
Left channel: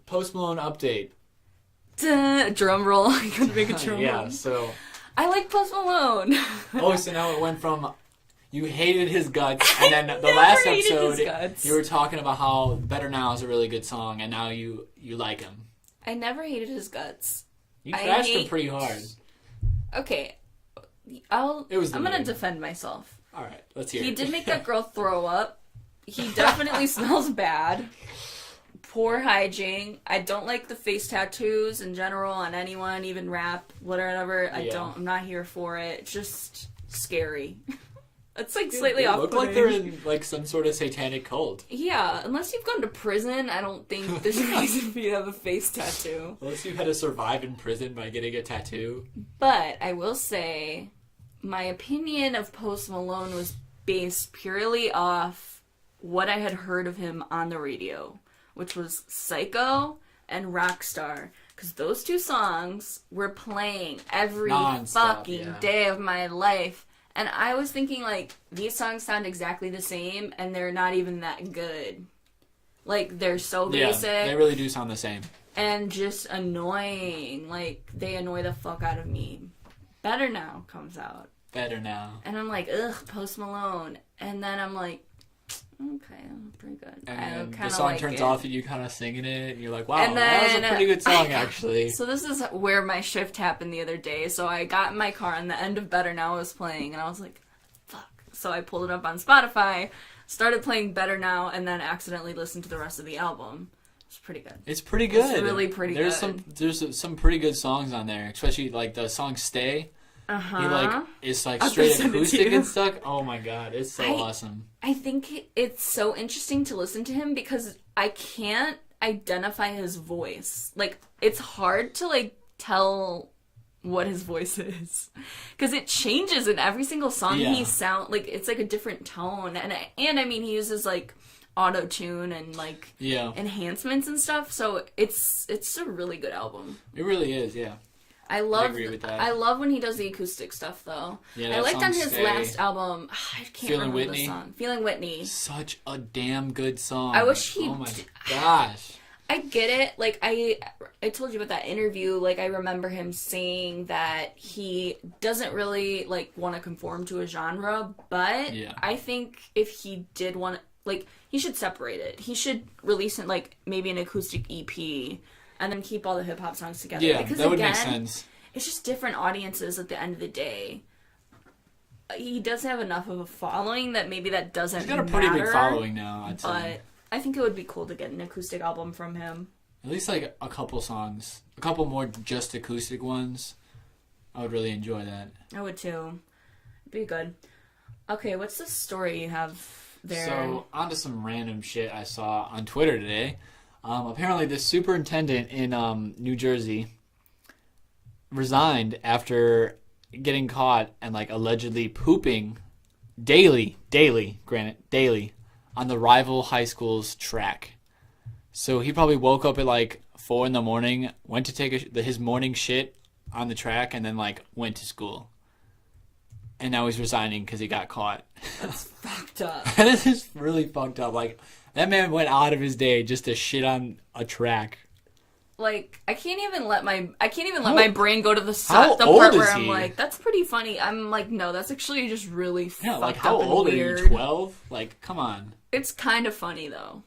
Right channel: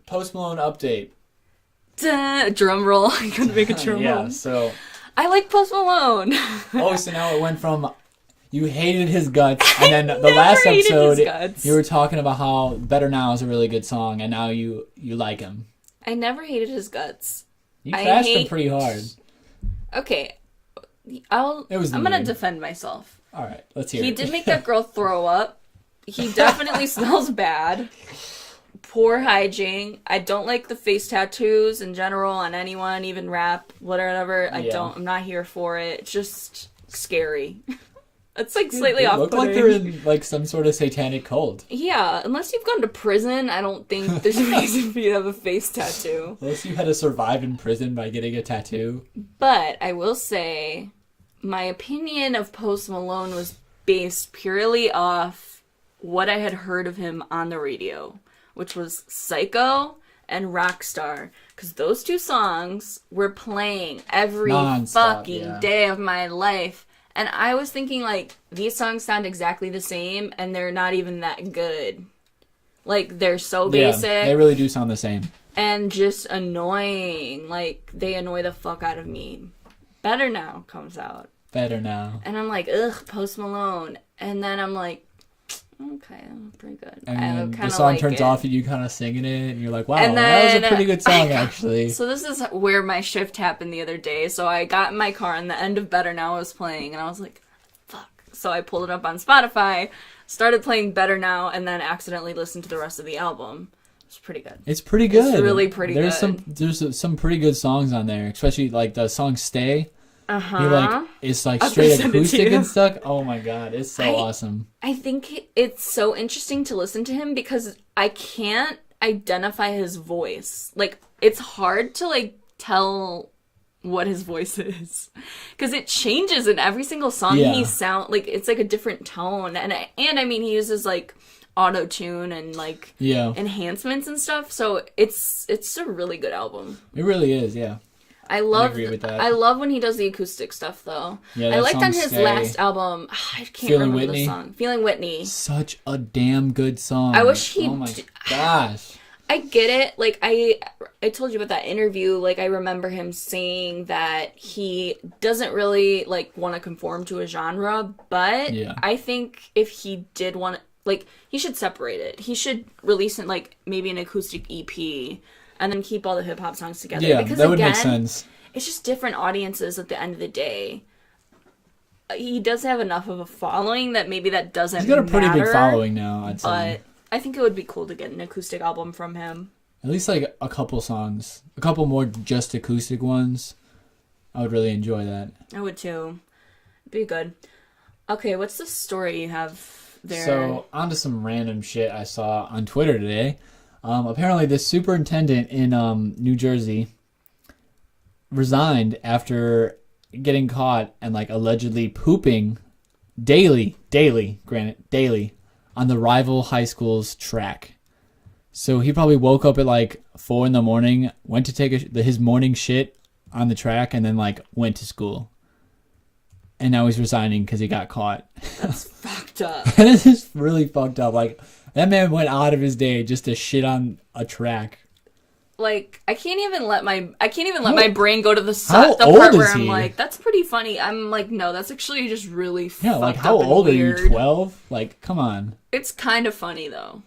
Post Malone update. Drum roll. I couldn't make a drum roll. Yeah, so... I like Post Malone. Oh, so now it went from you hated his guts, and then the last episode you were talking about how Better Now is a really good song, and now you like him. I never hated his guts. You trashed him pretty hard. Okay, I'm gonna defend myself. All right, let's hear it. He did make that girl throw up. He definitely smells bad. Poor hygiene. I don't like the face tattoos in general on anyone, even rap, whatever. I'm not here for it. It's just scary. It's like slightly off-putting. Look like they're in like some sort of satanic cult. Yeah, unless you've gone to prison, I don't think there's a reason for you to have a face tattoo. Unless you had to survive in prison by getting a tattoo. But I will say, my opinion of Post Malone was based purely off what I had heard of him on the radio, which was Psycho and Rockstar. Because those two songs were playing every fucking day of my life. And I was thinking, like, these songs sound exactly the same, and they're not even that good. Like, they're so basic. Yeah, they really do sound the same. And just annoying. Like, they annoy the fuck out of me. Better Now comes out. Better Now. And I'm like, ugh, Post Malone. And then I'm like, okay, pretty good. And I kind the of song like turns it. off and you kind of singing it, and you're like, wow, and that then was a pretty good song, actually. So this is where my shift happened the other day. So I got in my car, and the end of Better Now was playing, and I was like, fuck. So I pulled it up on Spotify, started playing Better Now, and then accidentally listened to the rest of the album. It's pretty good. It's pretty good. It's really pretty good. There's some pretty good songs on there, especially like the song "Stay." Uh-huh. It's like straight acoustic and stuff. Oh my god, it's so awesome. I think it's so interesting to listen to him because I can't identify his voice. Like, it's hard to like tell what his voice is because it changes in every single song. He sound like it's like a different tone, and I mean he uses like auto tune and like enhancements and stuff. So it's a really good album. It really is, yeah. I love when he does the acoustic stuff though. Yeah, I liked on his last album. I can't remember the song. Feeling Whitney. Such a damn good song. I wish he. Oh my gosh. I get it. Like I told you about that interview. Like I remember him saying that he doesn't really like want to conform to a genre, but I think if he did want, like, he should separate it. He should release it like maybe an acoustic EP. And then keep all the hip hop songs together. Yeah, because that would make sense. It's just different audiences at the end of the day. He does have enough of a following that maybe that doesn't matter. He's got a pretty big following now, I'd say. But I think it would be cool to get an acoustic album from him. At least like a couple songs. A couple more just acoustic ones. I would really enjoy that. I would too. It'd be good. Okay, what's the story you have there? So, onto some random shit I saw on Twitter today. Apparently, the superintendent in New Jersey resigned after getting caught and like allegedly pooping daily on the rival high school's track. So he probably woke up at like 4 a.m, went to take his morning shit on the track, and then like went to school. And now he's resigning because he got caught. That's fucked up. That is just really fucked up. Like, that man went out of his day just to shit on a track. Like, I can't even let my brain go to the part where I'm like, that's pretty funny. I'm like, no, that's actually just really fucked up and weird. Are you, 12? Like, come on. It's kind of funny though.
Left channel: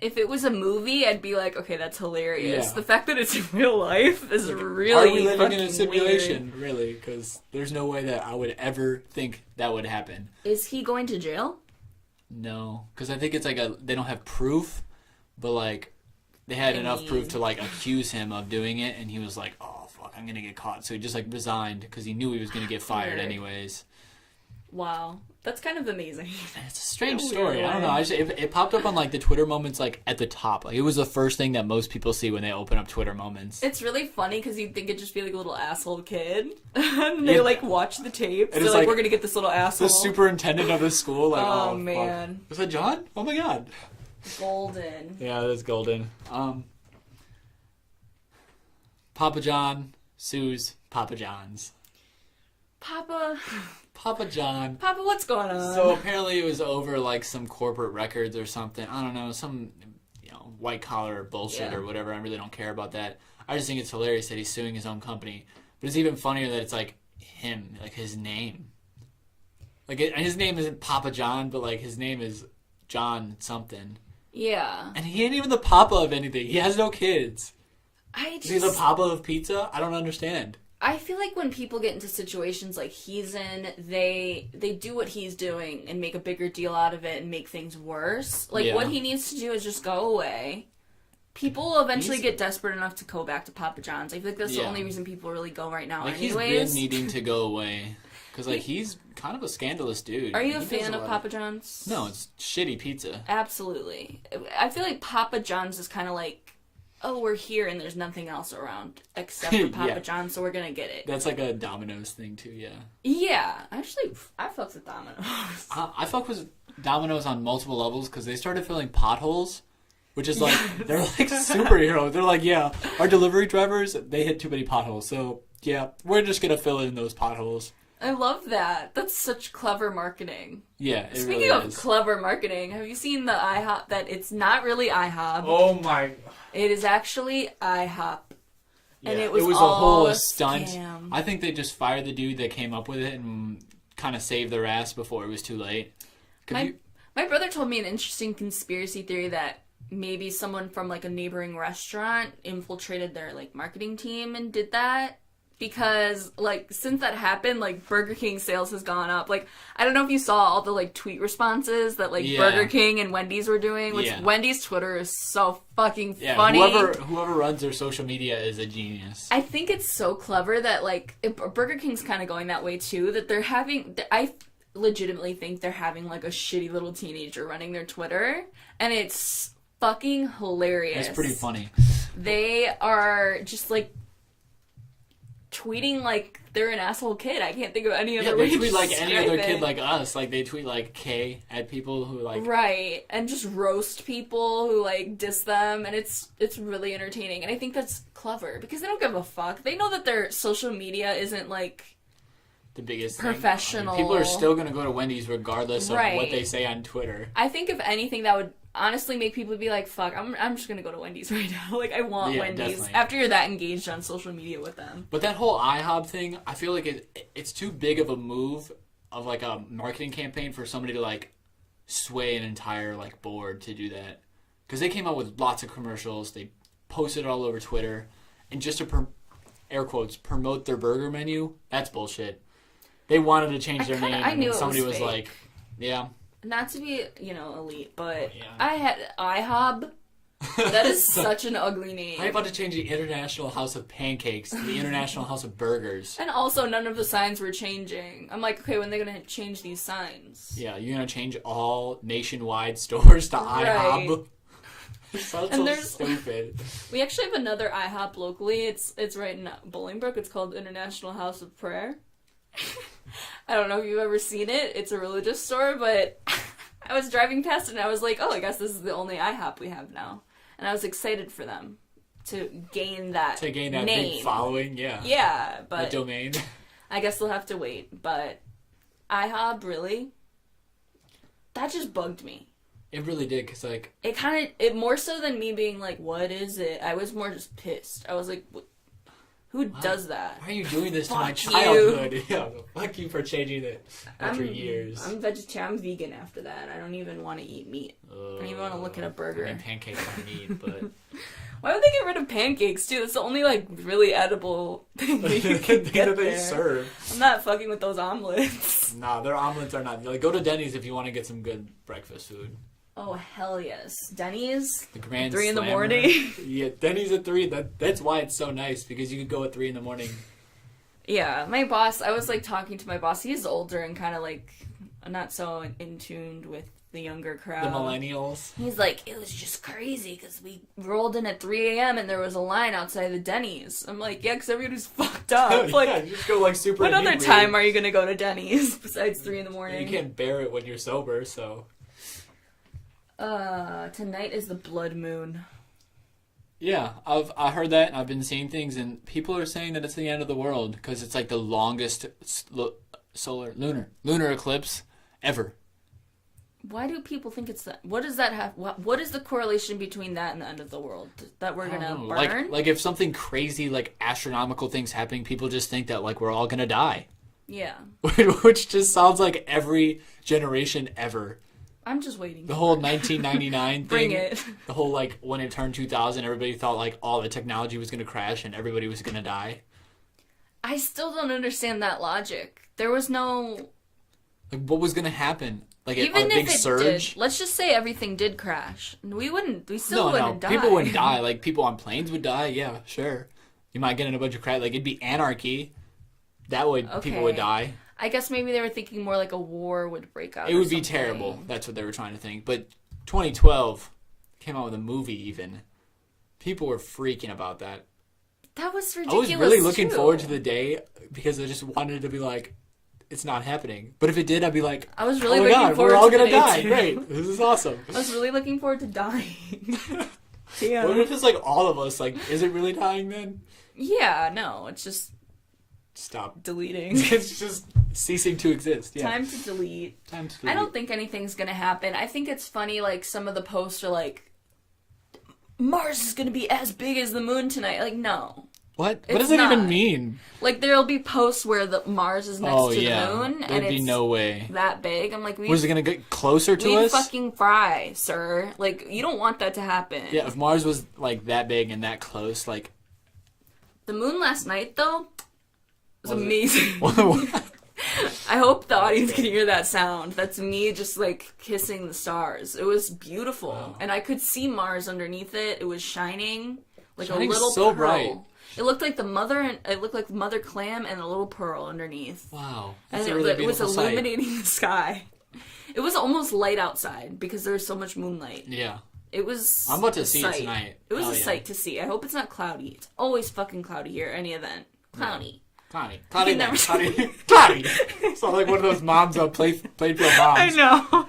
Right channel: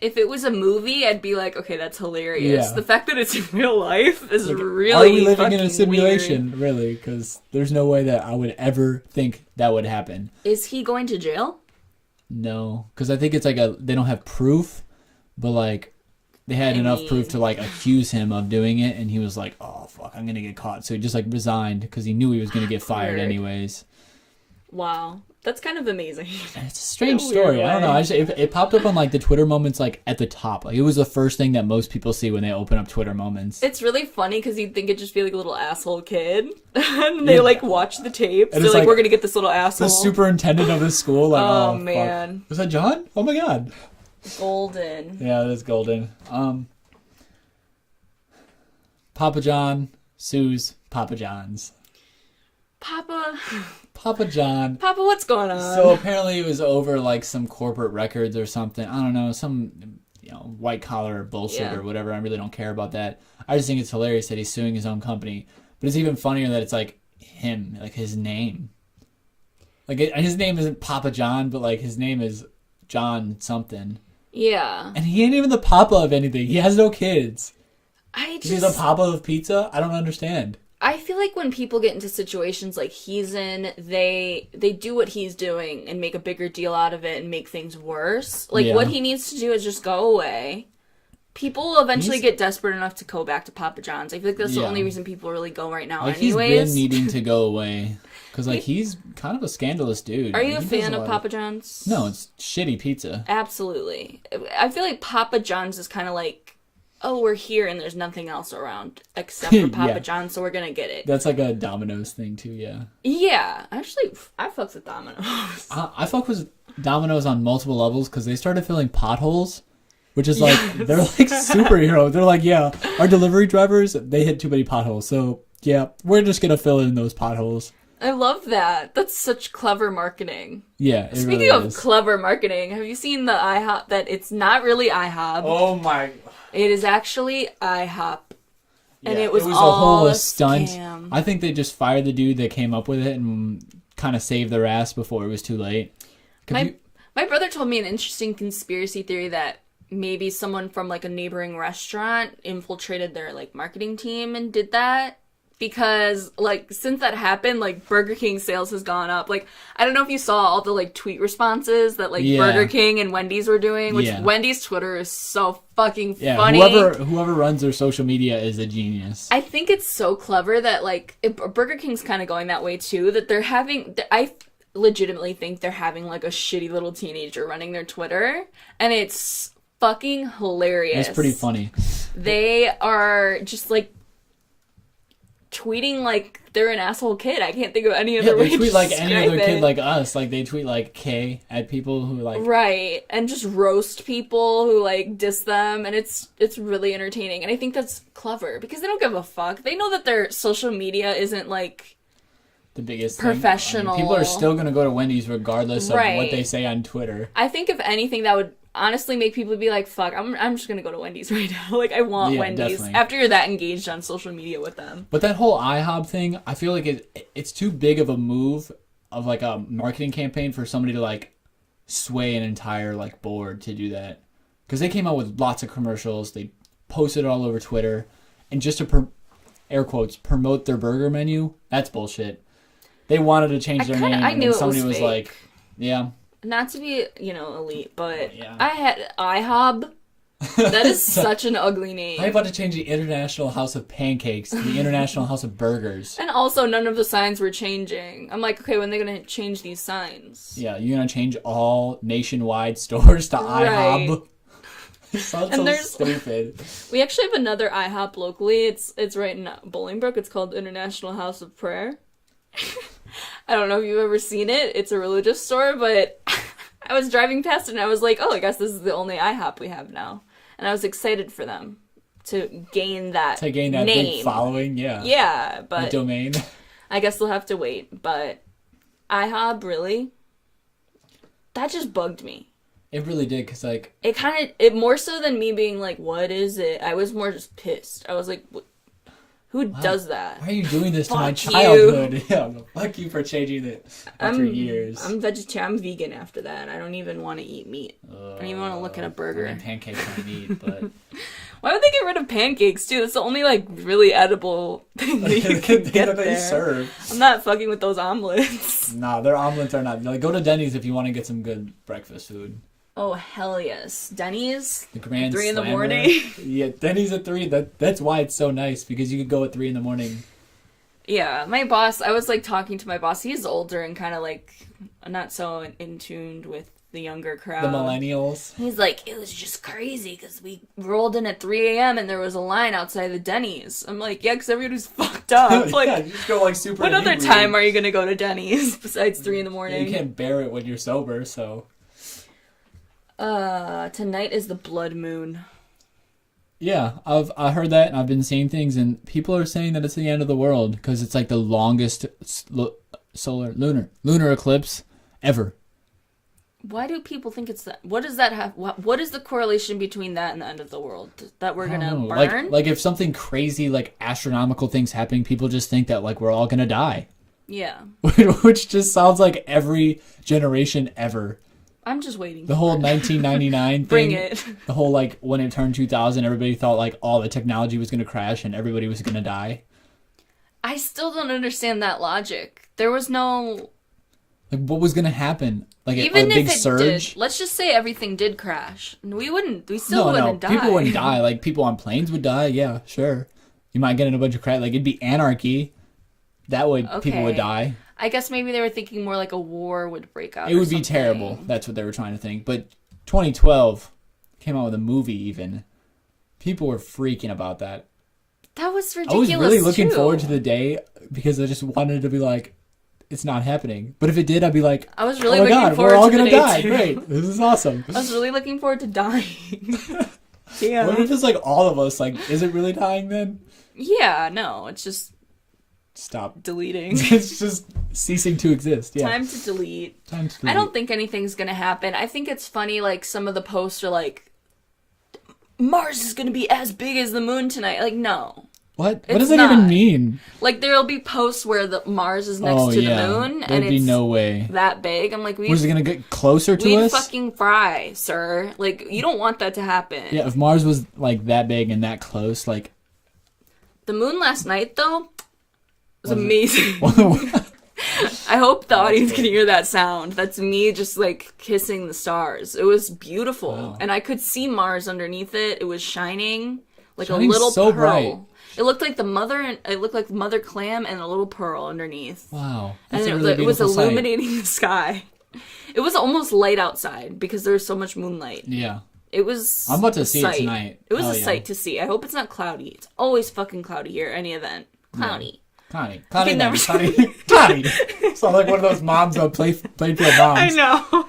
If it was a movie, I'd be like, okay, that's hilarious. Yeah. The fact that it's in real life is really fucking weird. Are we living in a simulation, really? Because there's no way that I would ever think that would happen. Is he going to jail? No, because I think it's like they don't have proof, but like they had enough proof to like accuse him of doing it, and he was like, "Oh fuck, I'm gonna get caught," so he just like resigned because he knew he was gonna get fired anyways. Wow. That's kind of amazing. It's a strange In a weird story. I don't way. know. It popped up on like the Twitter moments like at the top. Like it was the first thing that most people see when they open up Twitter moments. It's really funny because you'd think it'd just be like a little asshole kid. And they like watch the tapes. And They're it's like, like we're going to get this little The asshole. superintendent of the school. Like, Oh, fuck. man. Was that John? Oh my god. Golden. Yeah, that's golden. Papa John, Sue's Papa John's. Papa, What's going on? So apparently it was over like some corporate records or something. I don't know, some white collar bullshit or whatever. I really don't care about that. I just think it's hilarious that he's suing his own company. But it's even funnier that it's like him, like his name. Like his name isn't Papa John, but like his name is John something. Yeah. And he ain't even the papa of anything. He has no kids. He's the papa of pizza? I don't understand. I feel like when people get into situations like he's in, they do what he's doing and make a bigger deal out of it and make things worse. Like, what he needs to do is just go away. People will eventually get desperate enough to go back to Papa John's. I feel like that's the only reason people really go right now anyways. He's been needing to go away. Because, like, he's kind of a scandalous dude. Are you a fan of Papa John's? No, it's shitty pizza. Absolutely. I feel like Papa John's is kind of like, oh, we're here and there's nothing else around except for Papa John's, so we're gonna get it. That's like a Domino's thing, too, yeah. Yeah. Actually, I fucks with Domino's. I fuck with Domino's on multiple levels because they started filling potholes. Which is like, they're like superheroes. They're like, yeah, our delivery drivers, they hit too many potholes. So, yeah, we're just going to fill in those potholes. I love that. That's such clever marketing. Yeah. Speaking of clever marketing, have you seen the IHOP that it's not really IHOP? Oh my. It is actually IHOP. And Yeah, it was all a stunt. scam. I think they just fired the dude that came up with it and kind of saved their ass before it was too late. My brother told me an interesting conspiracy theory that maybe someone from like a neighboring restaurant infiltrated their like marketing team and did that, because like since that happened, like Burger King sales has gone up. Like I don't know if you saw all the like tweet responses that like Burger King and Wendy's were doing, which Wendy's Twitter is so fucking funny. Whoever runs their social media is a genius. I think it's so clever that like Burger King's kind of going that way too, that they're having I legitimately think they're having like a shitty little teenager running their Twitter, and it's fucking hilarious. It's pretty funny. They are just like tweeting like they're an asshole kid. I can't think of any other way to tweet like describe any other it. kid like us. Like they tweet like K at people who like right, and just roast people who like diss them, and it's really entertaining. And I think that's clever because they don't give a fuck. They know that their social media isn't like the biggest professional. People are still gonna go to Wendy's regardless of what they say on Twitter. I think if anything, that would honestly make people be like, fuck, I'm just gonna go to Wendy's right now. Like, I want Wendy's. Definitely. After you're that engaged on social media with them. But that whole IHOP thing, I feel like it's too big of a move of like a marketing campaign for somebody to like sway an entire like board to do that. Because they came out with lots of commercials, they posted it all over Twitter, and just to air quotes promote their burger menu, that's bullshit. They wanted to change their name. I knew and it was somebody fake. was like, yeah. Not to be, elite, but I had IHOB. That is such an ugly name. I'm about to change the International House of Pancakes to the International House of Burgers. And also, none of the signs were changing. I'm like, okay, when are they going to change these signs? Yeah, you're going to change all nationwide stores to IHOB? Sounds and so stupid. We actually have another IHOP locally. It's right in Bolingbrook. It's called International House of Prayer. I don't know if you've ever seen it. It's a religious store, but I was driving past it and I was like, oh, I guess this is the only IHOP we have now. And I was excited for them to gain that name. Big following, yeah. Yeah, but the domain. I guess they'll have to wait. But IHOP, really? That just bugged me. It really did, because, like... It more so than me being like, what is it? I was more just pissed. I was like... Who does that? Why are you doing this to my you. childhood? Yeah, well, fuck you for changing it after years. I'm vegetarian. I'm vegan after that. I don't even want to eat meat. I don't even want to look at a burger. Pancakes and meat, but... Why would they get rid of pancakes, too? That's the only, like, really edible thing that you can get there. Serve. I'm not fucking with those omelets. Nah, their omelets are not... Like, go to Denny's if you want to get some good breakfast food. Oh, hell yes. Denny's? The Grand 3 in the Slammer. morning? Yeah, Denny's at 3. That's why it's so nice, because you could go at 3 in the morning Yeah, my boss, I was like talking to my boss. He's older and kind of like not so in tuned with the younger The crowd. millennials. He's like, it was just crazy because we rolled in at 3 a.m. and there was a line outside the Denny's. I'm like, yeah, because everybody's fucked up. Like, yeah, you just go like super. what other inebriated. time are you going to go to Denny's besides 3 in the Yeah, morning? you can't bear it when you're sober, so. Tonight is the blood moon. Yeah, I heard that, and I've been seeing things, and people are saying that it's the end of the world because it's like the longest lunar eclipse ever. Why do people think it's that? What does that have? What is the correlation between that and the end of the world? That we're gonna burn? Like if something crazy, like astronomical things happening, people just think that like we're all gonna die. Yeah. Which just sounds like every generation ever. I'm just waiting. The whole 1999 Bring thing, it. The whole like when it turned 2000, everybody thought like all the technology was gonna crash and everybody was gonna die. I still don't understand that logic. There was no. Like what was gonna happen? Like Even a if big it surge? did, let's just say everything did crash. We still wouldn't die. People wouldn't die. Like people on planes would die. Yeah, sure. You might get in a bunch of crash. Like it'd be anarchy. That way people would die. I guess maybe they were thinking more like a war would break out. It would be terrible. That's what they were trying to think. But 2012 came out with a movie. Even people were freaking about that. That was ridiculous. I was really looking forward to the day because I just wanted to be like, it's not happening. But if it did, I'd be like, I was really oh my looking God, forward we're all to the gonna day die. too. Great, this is awesome. I was really looking forward to dying. Damn. What if it's like all of us? Like, is it really dying then? Yeah, no, it's just Stop. deleting. It's just ceasing to exist. Yeah. Time to delete. Time to I don't think anything's gonna happen. I think it's funny, like, some of the posts are like, Mars is gonna be as big as the moon tonight. Like, no. What? It's What does that not. even mean? Like, there'll be posts where the Mars is next to the moon, and There'd it's be no way. that big. I'm like, Was it gonna get closer to we'd us? fucking fry, sir. Like, you don't want that to happen. Yeah, if Mars was like that big and that close, like The moon last night, though, was amazing. What? I hope the audience can hear that sound. That's me just, like, kissing the stars. It was beautiful. Wow. And I could see Mars underneath it. It was shining like Shining a little so pearl. bright. It looked like the mother clam and a little pearl underneath. Wow. And That's a it really was beautiful sight. illuminating the sky. It was almost light outside because there was so much moonlight. Yeah. It was I'm about to a see sight. it tonight. It was Oh, a yeah. sight to see. I hope it's not cloudy. It's always fucking cloudy here, any event. Cloudy. Connie. can never Connie. Connie. Sound like one of those moms that play for moms. I know.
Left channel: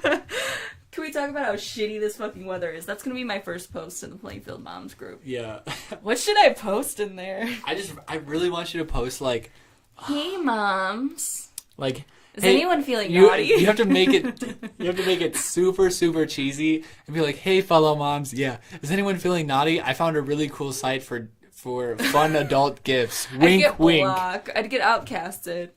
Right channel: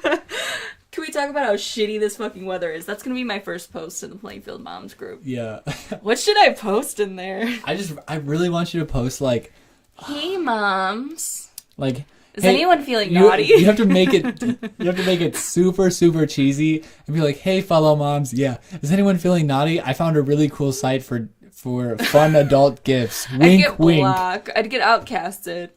Can we talk about how shitty this fucking weather is? That's gonna be my first post in the Plainfield Moms group. Yeah. What should I post in there? I really want you to post like Hey moms. Is hey, anyone feeling you, naughty? You have to make it super, super cheesy and be like, hey fellow moms, yeah. Is anyone feeling naughty? I found a really cool site for fun adult gifts. Wink, I'd get wink. blocked. I'd get outcasted.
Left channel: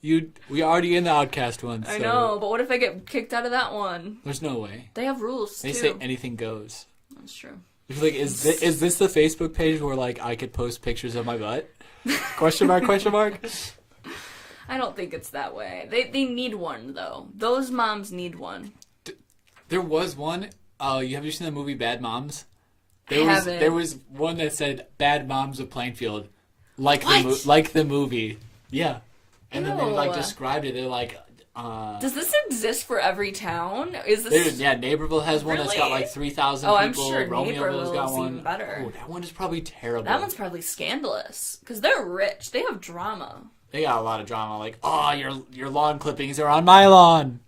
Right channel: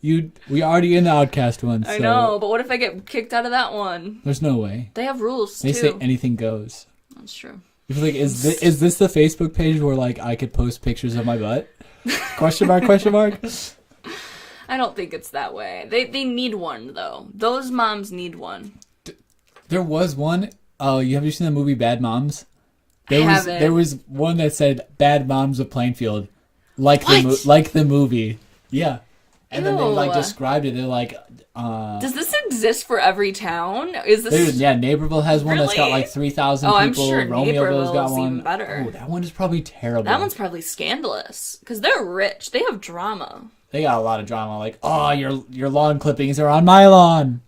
We already in the Outcast one. I so know, but what if I get kicked out of that one? There's no way. They have rules They too. say anything goes. That's true. It's like, is this the Facebook page where like I could post pictures of my butt? Question mark? Question mark? I don't think it's that way. They need one though. Those moms need one. There was one. Have you seen the movie Bad Moms? Haven't. There was one that said "Bad Moms of Plainfield," like What? like the movie. Yeah, and then they like Ew. described it. They're like, Does this exist for every town? Is this? yeah, Naperville has one that's got Really? like 3,000. Oh, people. I'm sure Romeoville's Naperville got is one. even better. Oh, that one is probably terrible. That one's probably scandalous because they're rich. They have drama. They got a lot of drama. Like, oh, your lawn clippings are on my lawn.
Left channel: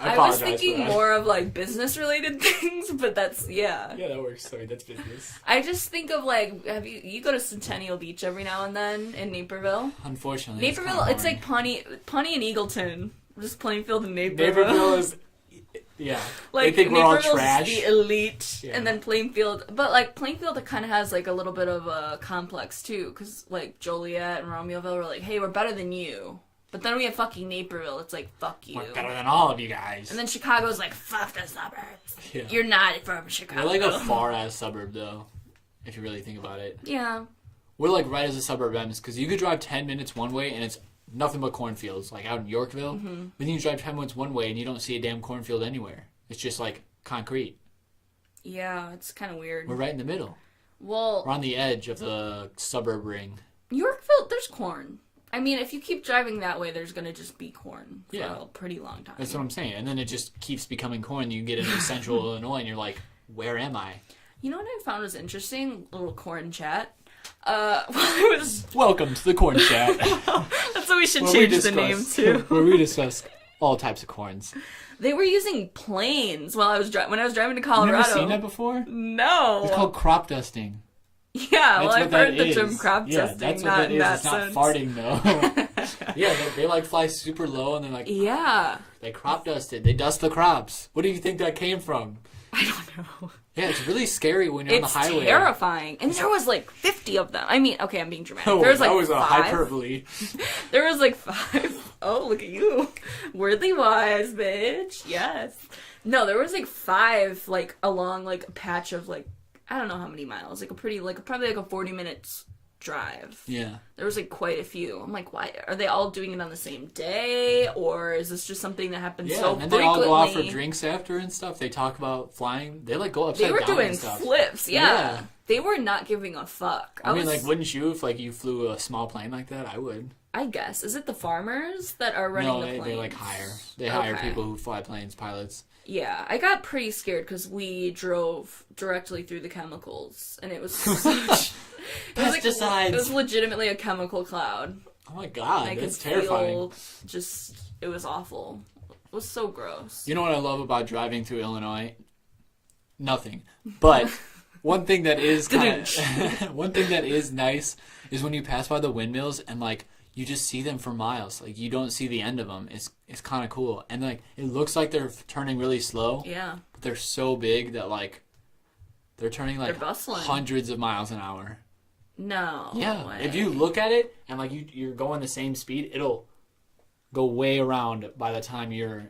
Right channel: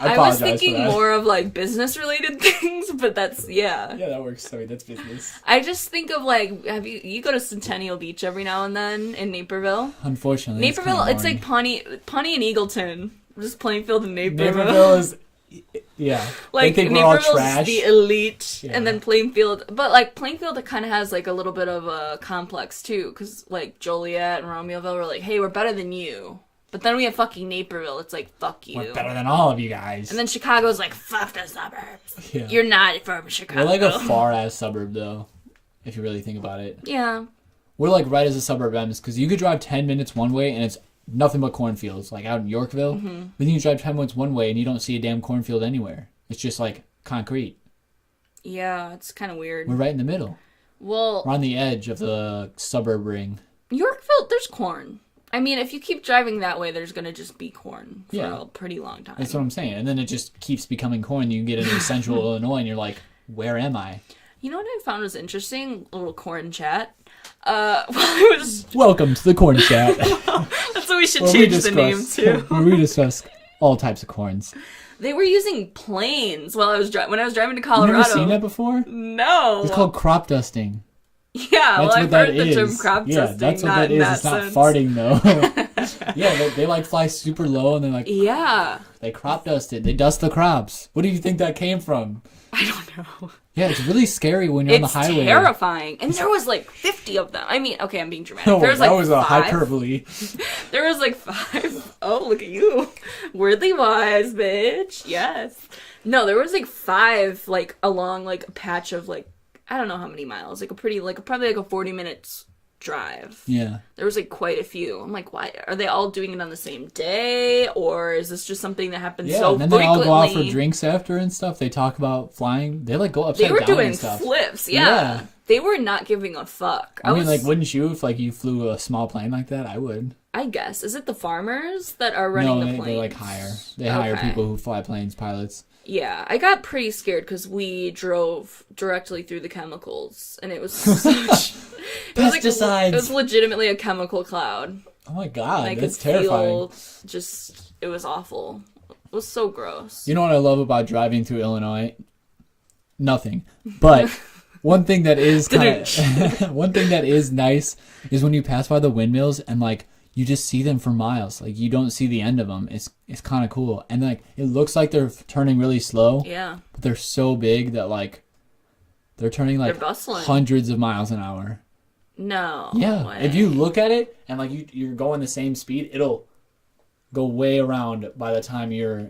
I was thinking more of like business related things, but that's Yeah, that works. Sorry, that's business. I just think of like, have you go to Centennial Beach every now and then in Naperville? Unfortunately, Naperville, it's like Pawnee and Eagleton, just Plainfield and Naperville. Naperville is, yeah. Like They think we're all Naperville's trash. the elite, Yeah. and then Plainfield. But like Plainfield, kind of has like a little bit of a complex too, because like Joliet and Romeoville were like, "Hey, we're better than you." But then we have fucking Naperville. It's like, fuck you. We're better than all of you guys. And then Chicago's like, fuck the suburbs. Yeah. You're not from Chicago. We're like a far ass suburb though, if you really think about it. Yeah. We're like right as a suburb ends because you could drive 10 minutes one way and it's nothing but cornfields, like out in Yorkville. Mm-hmm. Then you drive 10 minutes one way and you don't see a damn cornfield anywhere. It's just like concrete. Yeah, it's kind of weird. We're right in the middle. Well, We're on the edge of the suburb ring. Yorkville, there's corn. I mean, if you keep driving that way, there's going to just be corn for a pretty long time. That's what I'm saying. And then it just keeps becoming corn. You get into central Illinois and you're like, where am I? You know what I found was interesting? A little corn chat. Well, it was... Welcome to the corn chat. That's what we should change the name to. Where we discuss all types of corns. They were using planes while when I was driving to Colorado. You never seen that before? No. It's called crop dusting. Yeah, well, I've heard the term crop dusting, not in that sense. It's not farting, though. Yeah, they like fly super low and they're like... Yeah. They crop dust it. They dust the crops. What do you think that came from? I don't know. Yeah, it's really scary when you're on the highway. It's terrifying. And there was like 50 of them. I mean, okay, I'm being dramatic. No, there was like that was 5. a hyperbole. There was like 5. Oh, look at you. Worthy wise, bitch. Yes. No, there was like 5 like along like a patch of like, I don't know how many miles. Like a pretty, like probably like a 40 minutes drive. Yeah. There was like quite a few. I'm like, why? Are they all doing it on the same day? Or is this just something that happens so and then frequently? They all go out for drinks after and stuff. They talk about flying. They like go upside down. They were down doing and stuff. flips, yeah. They were not giving a fuck. I mean, like, wouldn't you if like you flew a small plane like that? I would. I guess. Is it the farmers that are running the planes? They like hire. They hire people who fly planes, pilots. Yeah, I got pretty scared because we drove directly through the chemicals, and it was such... it was legitimately a chemical cloud. Oh my god, I that's could terrifying. feel it was awful. It was so gross. You know what I love about driving through Illinois? Nothing. But one thing that is one thing that is nice is when you pass by the windmills and like you just see them for miles. Like you don't see the end of them. It's kind of cool. And like it looks like they're turning really slow. Yeah. But they're so big that like they're turning like they're bustling. Hundreds of miles an hour. No. Yeah. Way. If you look at it and like you're going the same speed, it'll go way around by the time you're...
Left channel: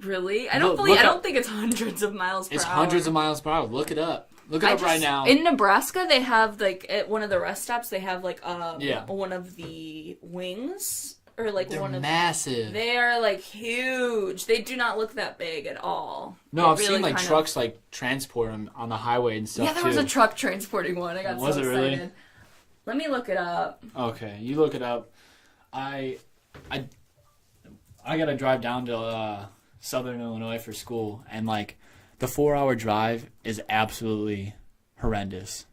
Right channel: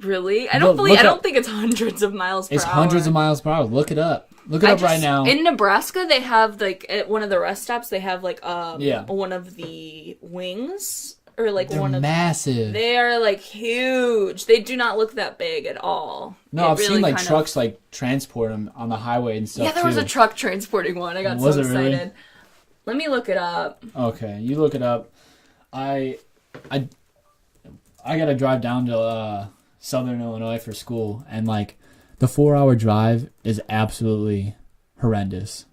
Really? I don't think it's hundreds of miles per hour. It's hundreds of miles per hour. Look it up. Look it up right now. In Nebraska, they have like at one of the rest stops, they have like one of the wings or like They're one of massive. They are like huge. They do not look that big at all. No, I've seen like trucks like transport them on the highway and stuff. Yeah, there was a truck transporting one. I got so excited. Really? Let me look it up. Okay, you look it up. I gotta drive down to Southern Illinois for school, and like the 4-hour drive is absolutely horrendous.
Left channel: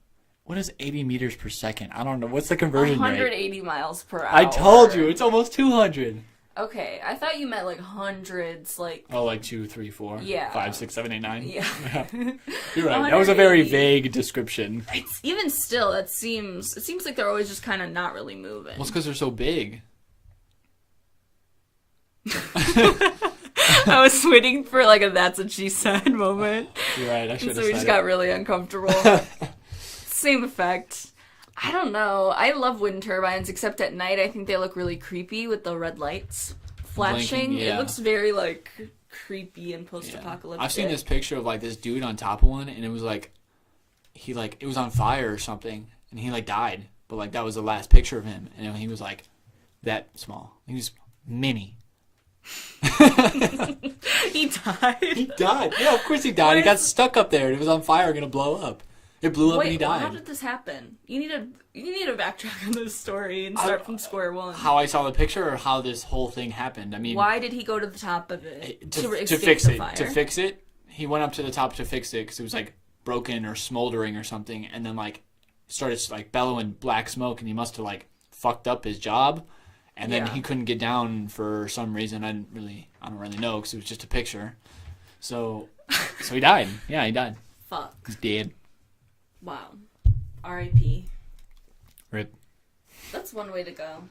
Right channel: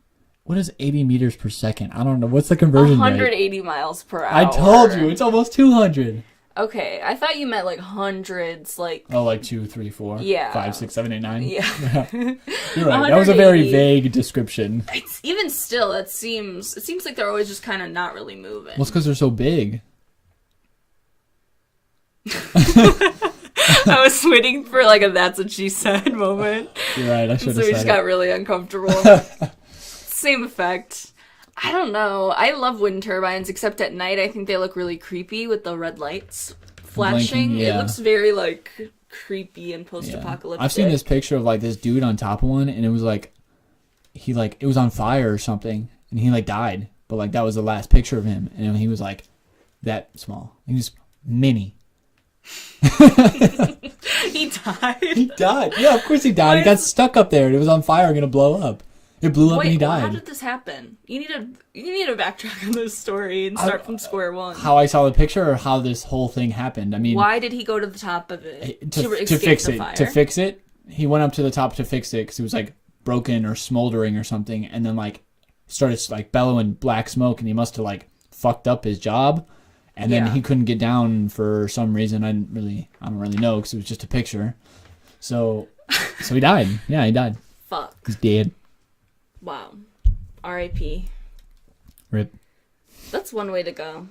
What is 80 meters per second? I don't know. What's the conversion 180 rate? miles per hour. I told you, it's almost 200. Okay, I thought you meant like hundreds, like... Oh, like 2, 3, 4, yeah. 5, 6, 7, 8, 9? Yeah. You're right, that was a very vague description. It's, even still, it seems like they're always just kind of not really moving. Well, it's because they're so big. I was waiting for like a "that's what she said" moment. You're right, I should have so we just got really uncomfortable. Same effect. I don't know. I love wind turbines, except at night I think they look really creepy with the red lights flashing. Yeah. It looks very like creepy and post-apocalyptic. I've seen this picture of like this dude on top of one, and it was like it was on fire or something, and he like died. But like that was the last picture of him, and he was like that small. And he's mini. He died? He died. Yeah, of course he died. He got stuck up there. It was on fire, going to blow up. It blew up and he died. How did this happen? You need to backtrack on this story and start from square one. How I saw the picture or how this whole thing happened? I mean, why did he go to the top of it to escape fix the it, fire? To fix it, he went up to the top to fix it because it was like broken or smoldering or something, and then like started like bellowing black smoke, and he must have like fucked up his job. And then he couldn't get down for some reason. I don't really know because it was just a picture. So he died. Yeah, he died. Fuck. He's dead. Wow. R.I.P. Rip. That's one way to go.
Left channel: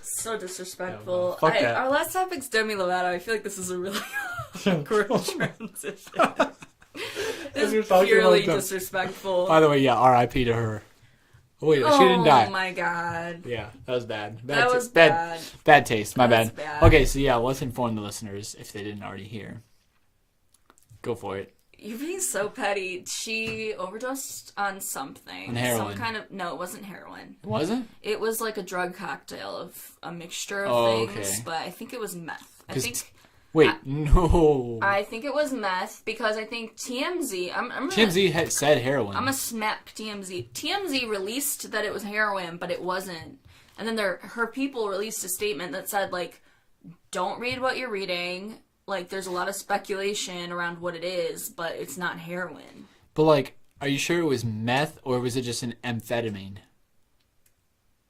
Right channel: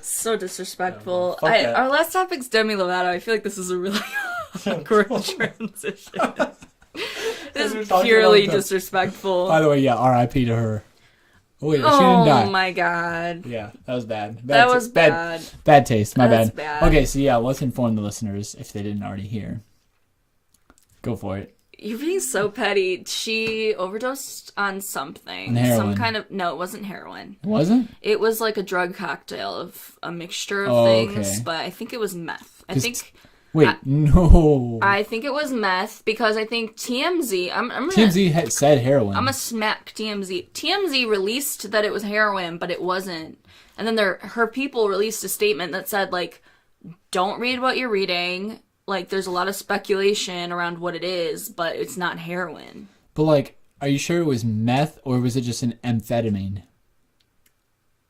So disrespectful. Okay. Our last topic's Demi Lovato. I feel like this is a really awkward transition. This is purely disrespectful. By the way, yeah, R.I.P. to her. Wait, oh my god. Yeah, that was bad. That was bad. Bad taste. My That's bad. Okay, so yeah, let's inform the listeners if they didn't already hear. Go for it. You're being so petty. She overdosed on something. Some kind of... No, it wasn't heroin. It wasn't? It was like a drug cocktail of a mixture of things, but I think it was meth. I think... Wait, no. I think it was meth because I think TMZ. TMZ said heroin. I'm gonna smack TMZ. TMZ released that it was heroin, but it wasn't. And then her people released a statement that said, like, don't read what you're reading. Like, there's a lot of speculation around what it is, but it's not heroin. But, like, are you sure it was meth, or was it just an amphetamine?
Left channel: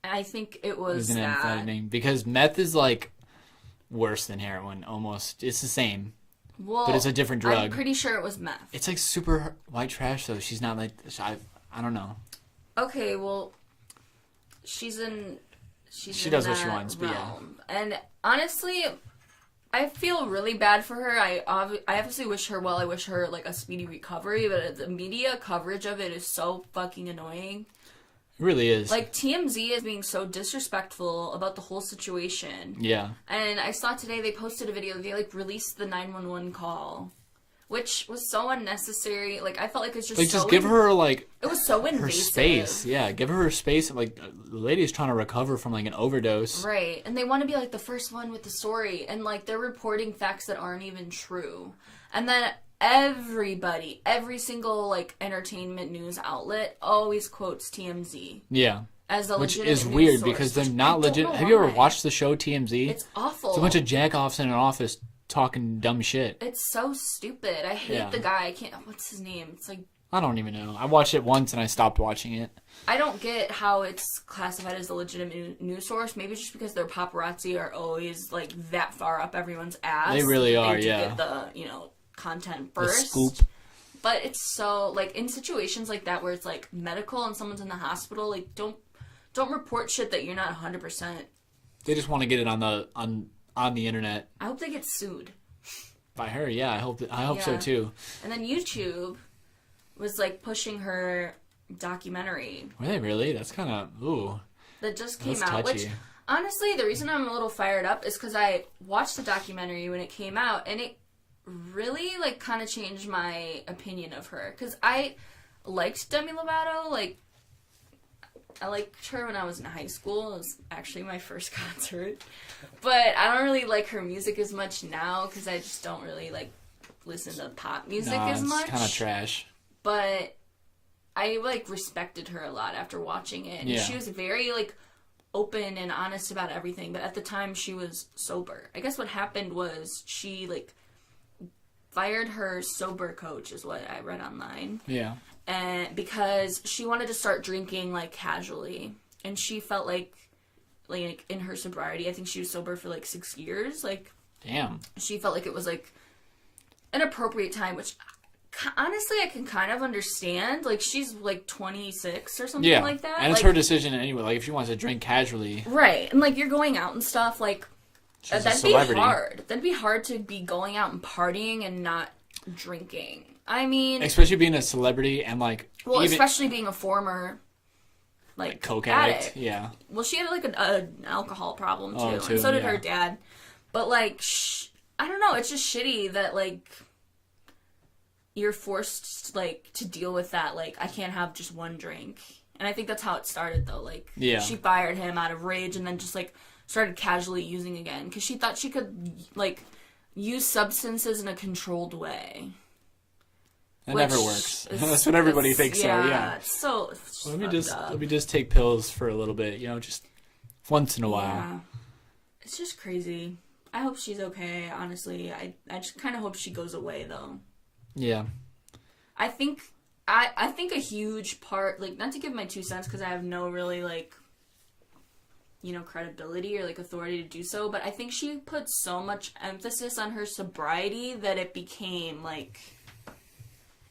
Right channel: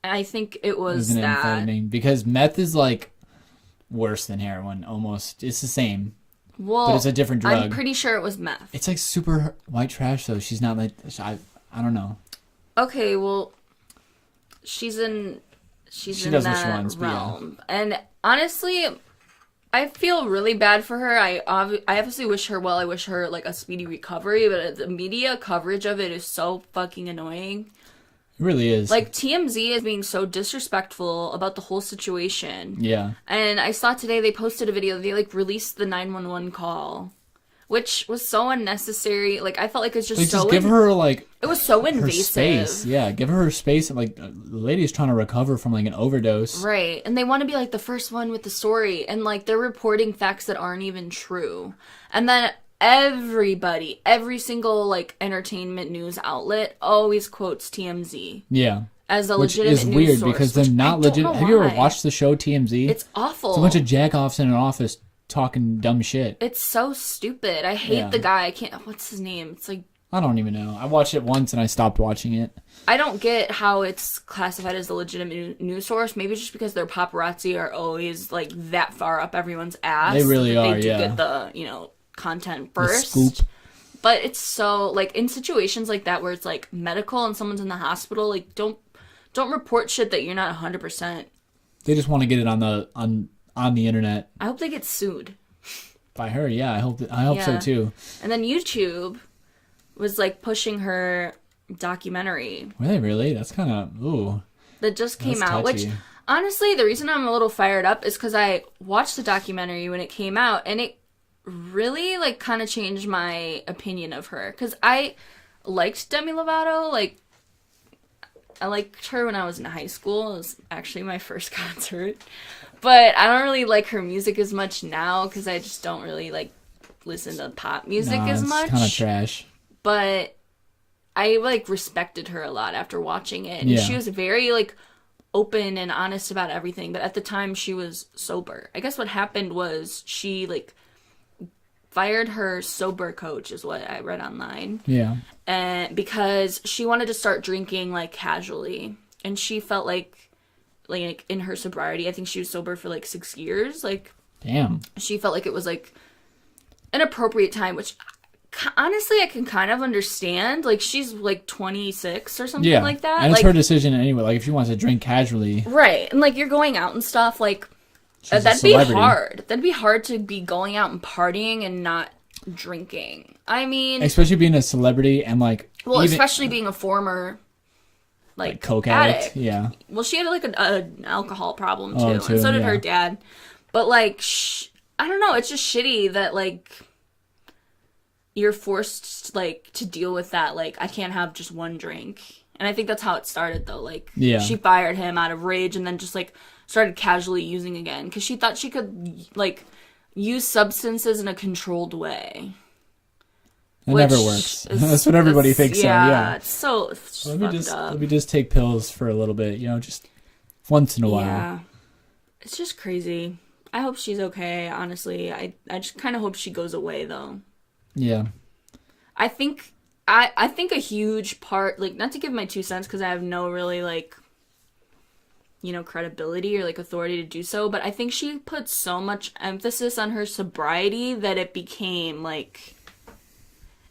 I think it was that. Amphetamine, because meth is, like, worse than heroin, almost. It's the same. Well, it's a different drug. I'm pretty sure it was meth. It's, like, super white trash, though. She's not, like, I don't know. Okay, well, she's in that realm. Yeah. And honestly, I feel really bad for her. I obviously wish her well. I wish her, like, a speedy recovery, but the media coverage of it is so fucking annoying. It really is. Like, TMZ is being so disrespectful about the whole situation. Yeah. And I saw today they posted a video. They, like, released the 911 call, which was so unnecessary. Like, I felt like it's just so... give her, like... It was so invasive. Space. Yeah, give her space. Like, the lady's trying to recover from, like, an overdose. Right. And they want to be, like, the first one with the story. And, like, they're reporting facts that aren't even true. And then everybody, every single, like, entertainment news outlet always quotes TMZ. Yeah. As a legitimate news source. Because they're not legitimate. Have you ever watched the show TMZ? It's awful. It's a bunch of jack-offs in an office talking dumb shit. It's so stupid. I hate the guy. I can't... What's his name? It's like... I don't even know. I watched it once and I stopped watching it. I don't get how it's classified as a legitimate news source. Maybe it's just because their paparazzi are always, like, that far up everyone's ass. They really that are, they do get the, content first. But it's so, like, in situations like that where it's, like, medical and someone's in the hospital, like, don't report shit that you're not 100%. They just want to get it on the internet. I hope they get sued. By her, yeah. I hope so, too. And then YouTube was, like, pushing her documentary. Hey, really? That's kind of... Ooh. That just came out, which... Honestly, the reason I'm a little fired up is because I watched the documentary when it came out, and it really, like, kind of changed my opinion of her. Because I liked Demi Lovato. Like, I liked her when I was in high school. It was actually my first concert. But I don't really like her music as much now because I just don't really, like, listen to pop music as much. It's kind of trash. But I, like, respected her a lot after watching it. And she was very, like, open and honest about everything. But at the time, she was sober. I guess what happened was she, like, fired her sober coach, is what I read online. Yeah. And because she wanted to start drinking, like, casually. And she felt like in her sobriety, I think she was sober for, like, 6 years. Like, damn. She felt like it was, like, an appropriate time, which... Honestly, I can kind of understand. Like, she's, like, 26 or something like that. And it's her decision anyway. Like, if she wants to drink casually. Right. And, like, you're going out and stuff. Like, that'd be hard. That'd be hard to be going out and partying and not drinking. I mean... Especially being a celebrity and, like... Well, especially being a former, like coke addict. Yeah. Well, she had, like, an alcohol problem, too. And so did her dad. But, like, I don't know. It's just shitty that, like... You're forced, like, to deal with that. Like, I can't have just one drink. And I think that's how it started, though. Like, she fired him out of rage and then just, like, started casually using again. Because she thought she could, like, use substances in a controlled way. That never works. That's what everybody thinks. Yeah, it's so fucked up. Let me just take pills for a little bit, just once in a while. Yeah. It's just crazy. I hope she's okay, honestly. I just kind of hope she goes away, though. Yeah. I think a huge part, like, not to give my 2 cents because I have no really, like, credibility or, like, authority to do so, but I think she put so much emphasis on her sobriety that it became, like,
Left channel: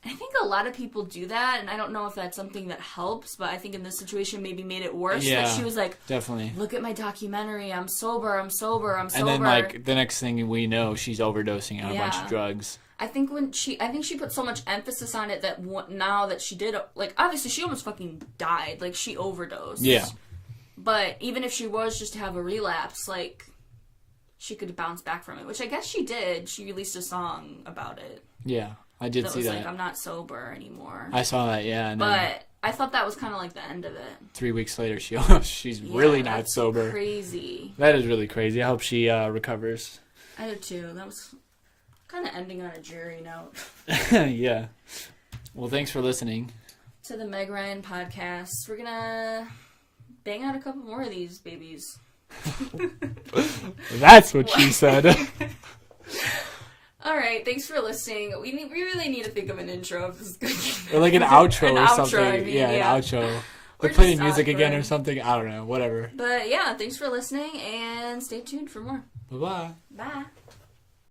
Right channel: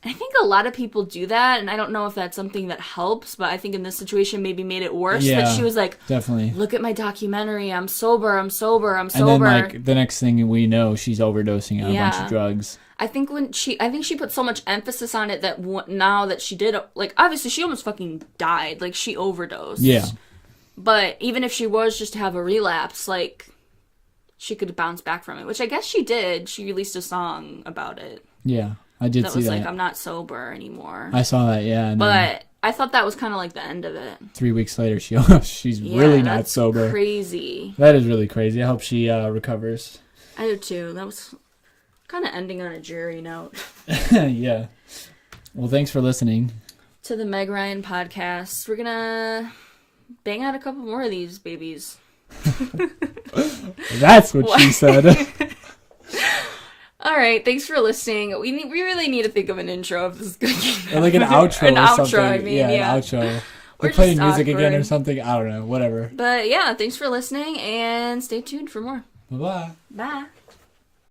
I think a lot of people do that, and I don't know if that's something that helps, but I think in this situation maybe made it worse that she was like, definitely. Look at my documentary, I'm sober. And then, like, the next thing we know, she's overdosing on a bunch of drugs. I think she put so much emphasis on it that now that she did, like, obviously she almost fucking died. Like, she overdosed. Yeah. But even if she was just to have a relapse, like, she could bounce back from it, which I guess she did. She released a song about it. Yeah, I did see that. That was like, I'm not sober anymore. I saw that, yeah. But I thought that was kind of like the end of it. 3 weeks later, she's really not sober. That's crazy. That is really crazy. I hope she recovers. I do too. That was kind of ending on a dreary note. Yeah. Well, thanks for listening to the Meg Ryan podcast. We're gonna bang out a couple more of these babies. That's what she said. All right, thanks for listening. We really need to think of an intro if this is good. Like an outro. An outro, I mean, yeah. An outro. We're just playing just music awkward. again or something. I don't know. Whatever. But yeah, thanks for listening and stay tuned for more. Bye-bye. Bye.